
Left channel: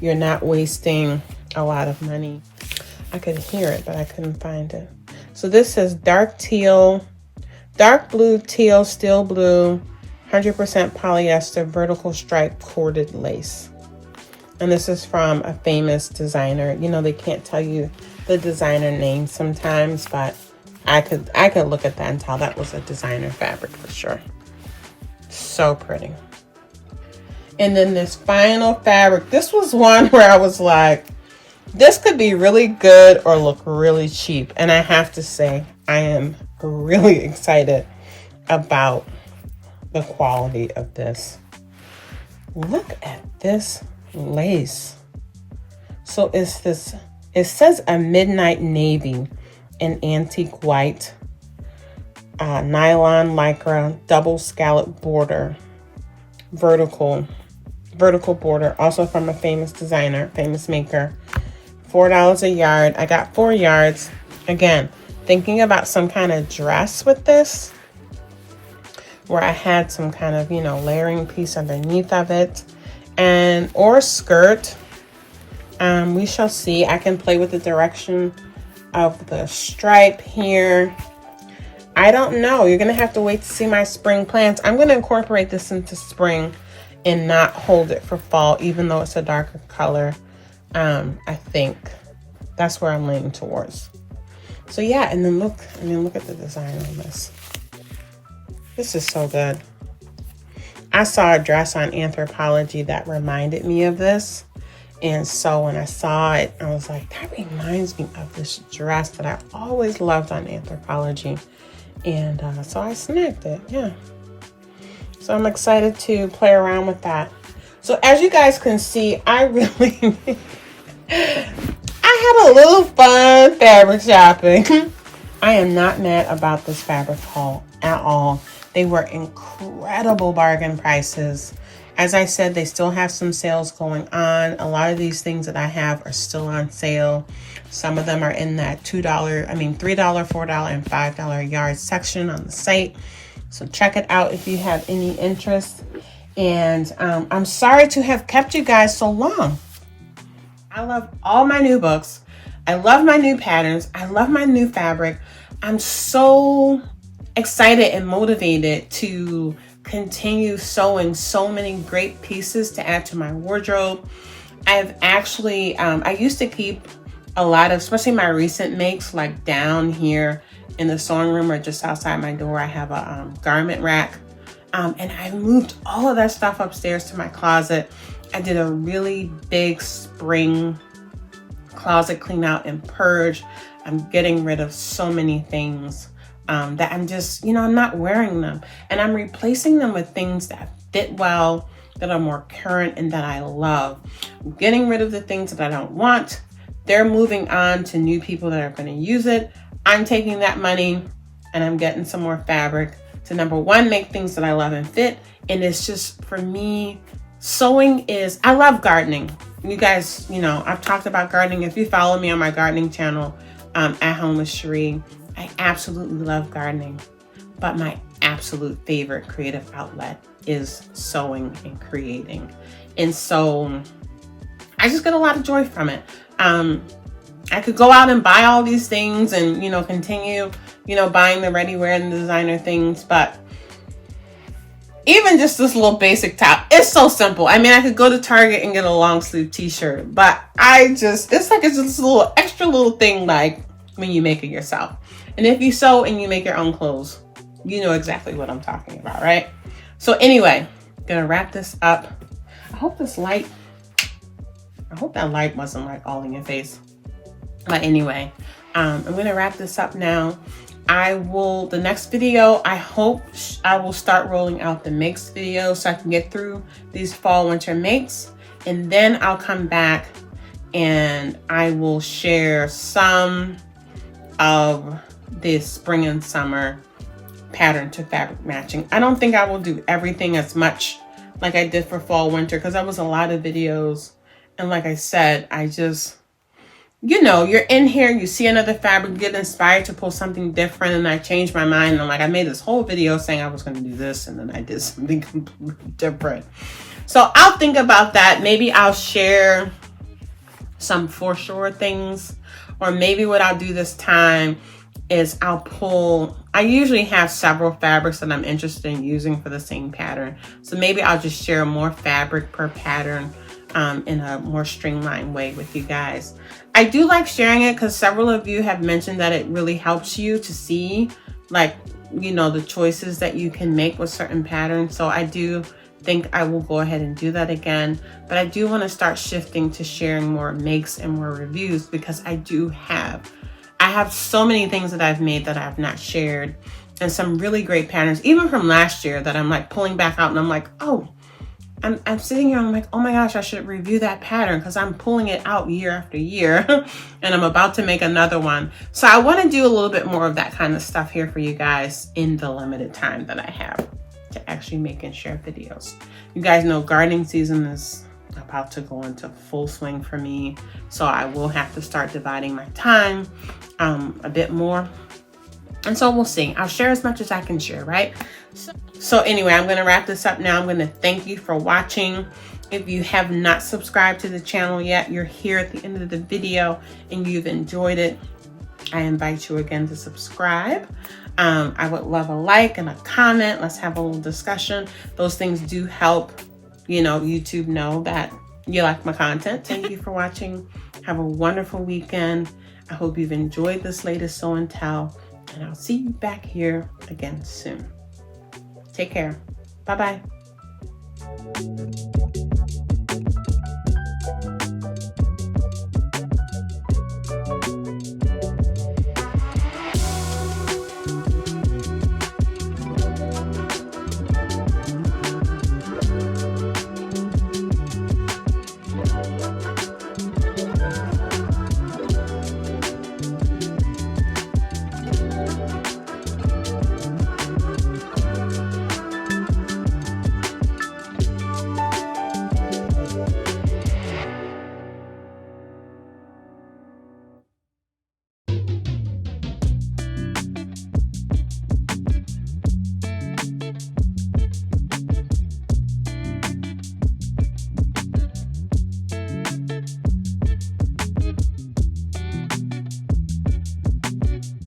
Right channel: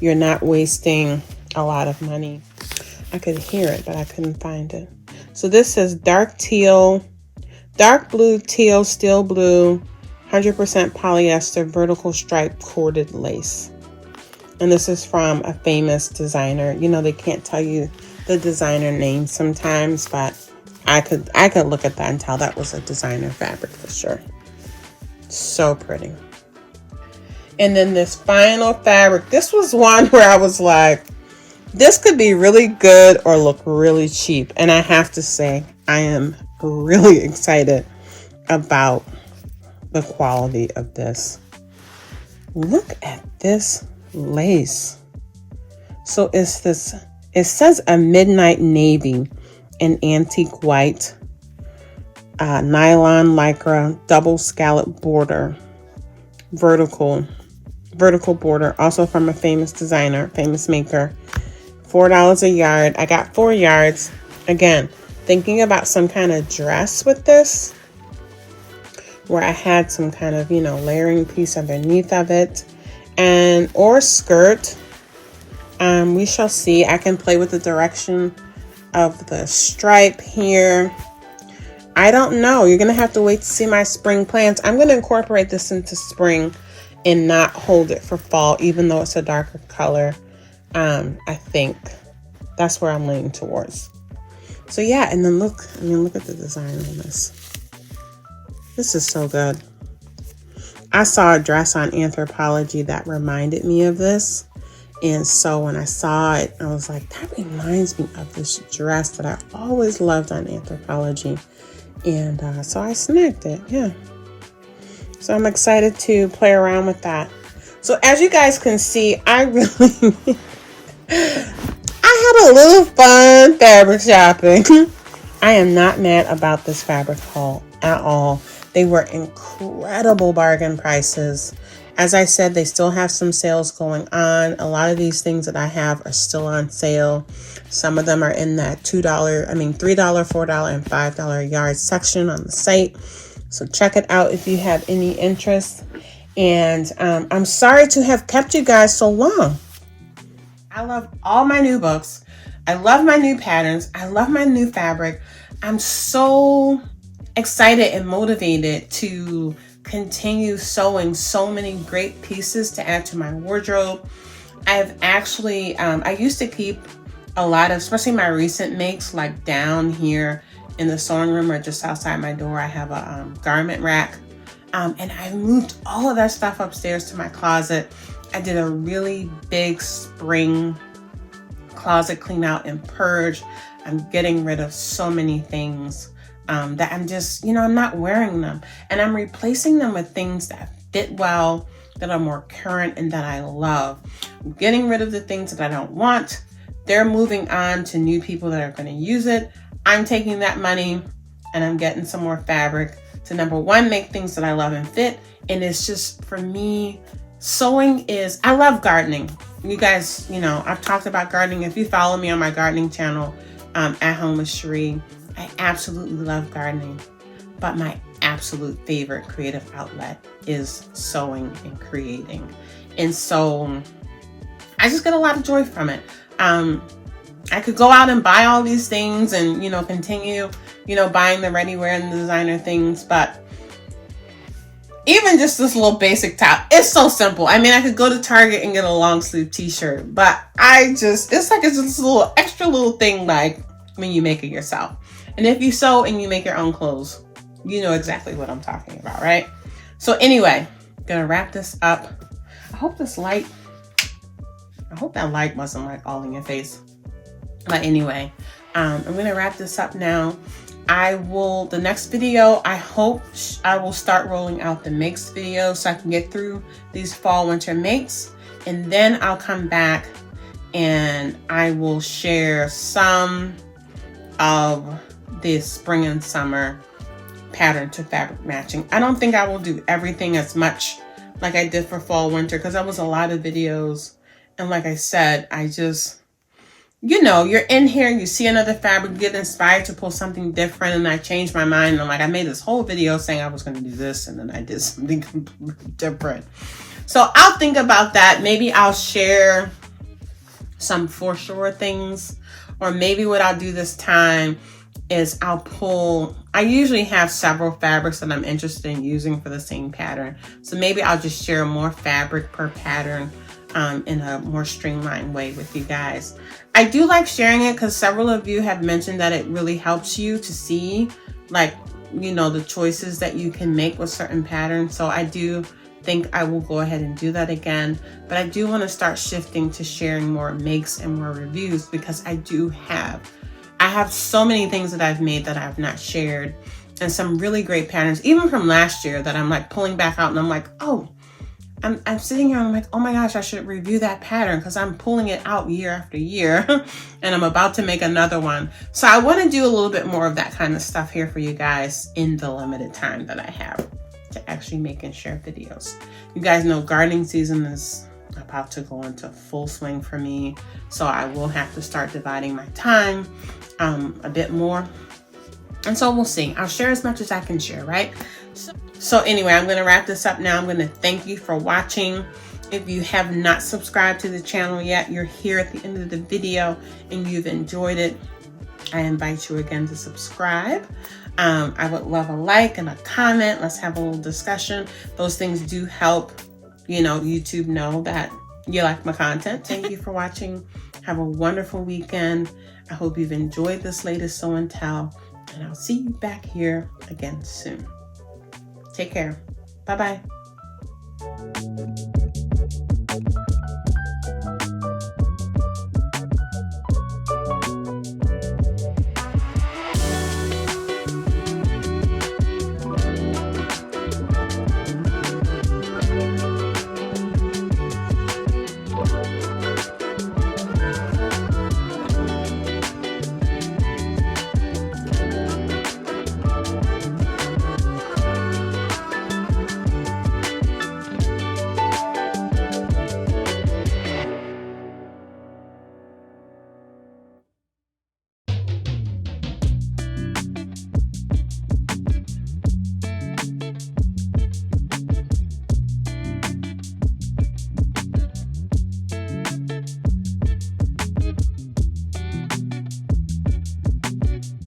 you're not wasting a lot of money. I could hear it, but I couldn't find it. So this says dark teal, dark blue, teal, steel blue, 100% polyester, vertical stripe corded lace. And this is from a famous designer. You know, they can't tell you the designer name sometimes, but I could look at that and tell that was a designer fabric for sure. So pretty. And then this final fabric, this was one where I was like, this could be really good or look really cheap. And I have to say, I am really excited about the quality of this. Look at this lace. So it's this, it says a midnight navy, an antique white, nylon lycra, double scallop border, vertical border, also from a famous designer, famous maker. $4 a yard. I got 4 yards. Again, thinking about some kind of dress with this, where I had some kind of, you know, layering piece underneath of it, and or skirt. We shall see. I can play with the direction of the stripe here. I don't know. You're going to have to wait to see my spring plans. I'm going to incorporate this into spring and not hold it for fall, even though it's a darker color. I think that's where I'm leaning towards. So yeah, and then look at the design on this. This is so good. I saw a dress on Anthropologie that reminded me of this. And so when I saw it, I was like, that reminds me of this dress that I always loved on Anthropologie. And so I snagged it, yeah. So I'm excited to play around with that. So as you guys can see, I really, I had a little fun fabric shopping. I am not mad about this fabric haul at all. They were incredible bargain prices. As I said, they still have some sales going on. A lot of these things that I have are still on sale. Some of them are in that $3, $4, and $5 yard section on the site. So check it out if you have any interest. And I'm sorry to have kept you guys so long. I love all my new books. I love my new patterns. I love my new fabric. I'm so excited and motivated to continue sewing so many great pieces to add to my wardrobe. I've actually, I used to keep a lot of, especially my recent makes, like down here in the sewing room or just outside my door. I have a garment rack, and I moved all of that stuff upstairs to my closet. I did a really big spring closet clean out and purge. I'm getting rid of so many things that I'm just, I'm not wearing them. And I'm replacing them with things that fit well, that are more current, and that I love. I'm getting rid of the things that I don't want. They're moving on to new people that are going to use it. I'm taking that money and I'm getting some more fabric to, number one, make things that I love and fit. And it's just, for me, sewing is, I love gardening. You guys, I've talked about gardening. If you follow me on my gardening channel, At Home with Cherie, I absolutely love gardening, but my absolute favorite creative outlet is sewing and creating. And so I just get a lot of joy from it. I could go out and buy all these things and, continue, buying the ready-wear and the designer things, but even just this little basic top, it's so simple. I mean, I could go to Target and get a long sleeve t-shirt, but it's just a little extra little thing, like when you make it yourself. And if you sew and you make your own clothes, you know exactly what I'm talking about, right? So anyway, I'm gonna wrap this up. I hope that light wasn't like all in your face. But anyway, I'm gonna wrap this up now. The next video, I hope I will start rolling out the makes video so I can get through these fall winter makes. And then I'll come back and I will share some of this spring and summer pattern to fabric matching. I don't think I will do everything as much like I did for fall winter, because that was a lot of videos. And like I said, I just, you're in here, you see another fabric, get inspired to pull something different, and I changed my mind. And I made this whole video saying I was going to do this, and then I did something completely different. So I'll think about that. Maybe I'll share some for sure things, or maybe what I'll do this time is I usually have several fabrics that I'm interested in using for the same pattern. So maybe I'll just share more fabric per pattern in a more streamlined way with you guys. I do like sharing it because several of you have mentioned that it really helps you to see, the choices that you can make with certain patterns. So I do think I will go ahead and do that again. But I do want to start shifting to sharing more makes and more reviews, because I have so many things that I've made that I've not shared, and some really great patterns, even from last year, that I'm pulling back out, and I'm like, oh, I'm sitting here and I'm like, oh my gosh, I should review that pattern, because I'm pulling it out year after year and I'm about to make another one. So I want to do a little bit more of that kind of stuff here for you guys in the limited time that I have to actually make and share videos. You guys know gardening season is about to go into full swing for me. So I will have to start dividing my time a bit more. And so we'll see. I'll share as much as I can share, right? So anyway, I'm going to wrap this up now. I'm going to thank you for watching. If you have not subscribed to the channel yet, you're here at the end of the video and you've enjoyed it, I invite you again to subscribe. I would love a like and a comment. Let's have a little discussion. Those things do help, YouTube know that you like my content. Thank you for watching. Have a wonderful weekend. I hope you've enjoyed this latest Sew and Tell, and I'll see you back here again soon. Take care. Bye-bye.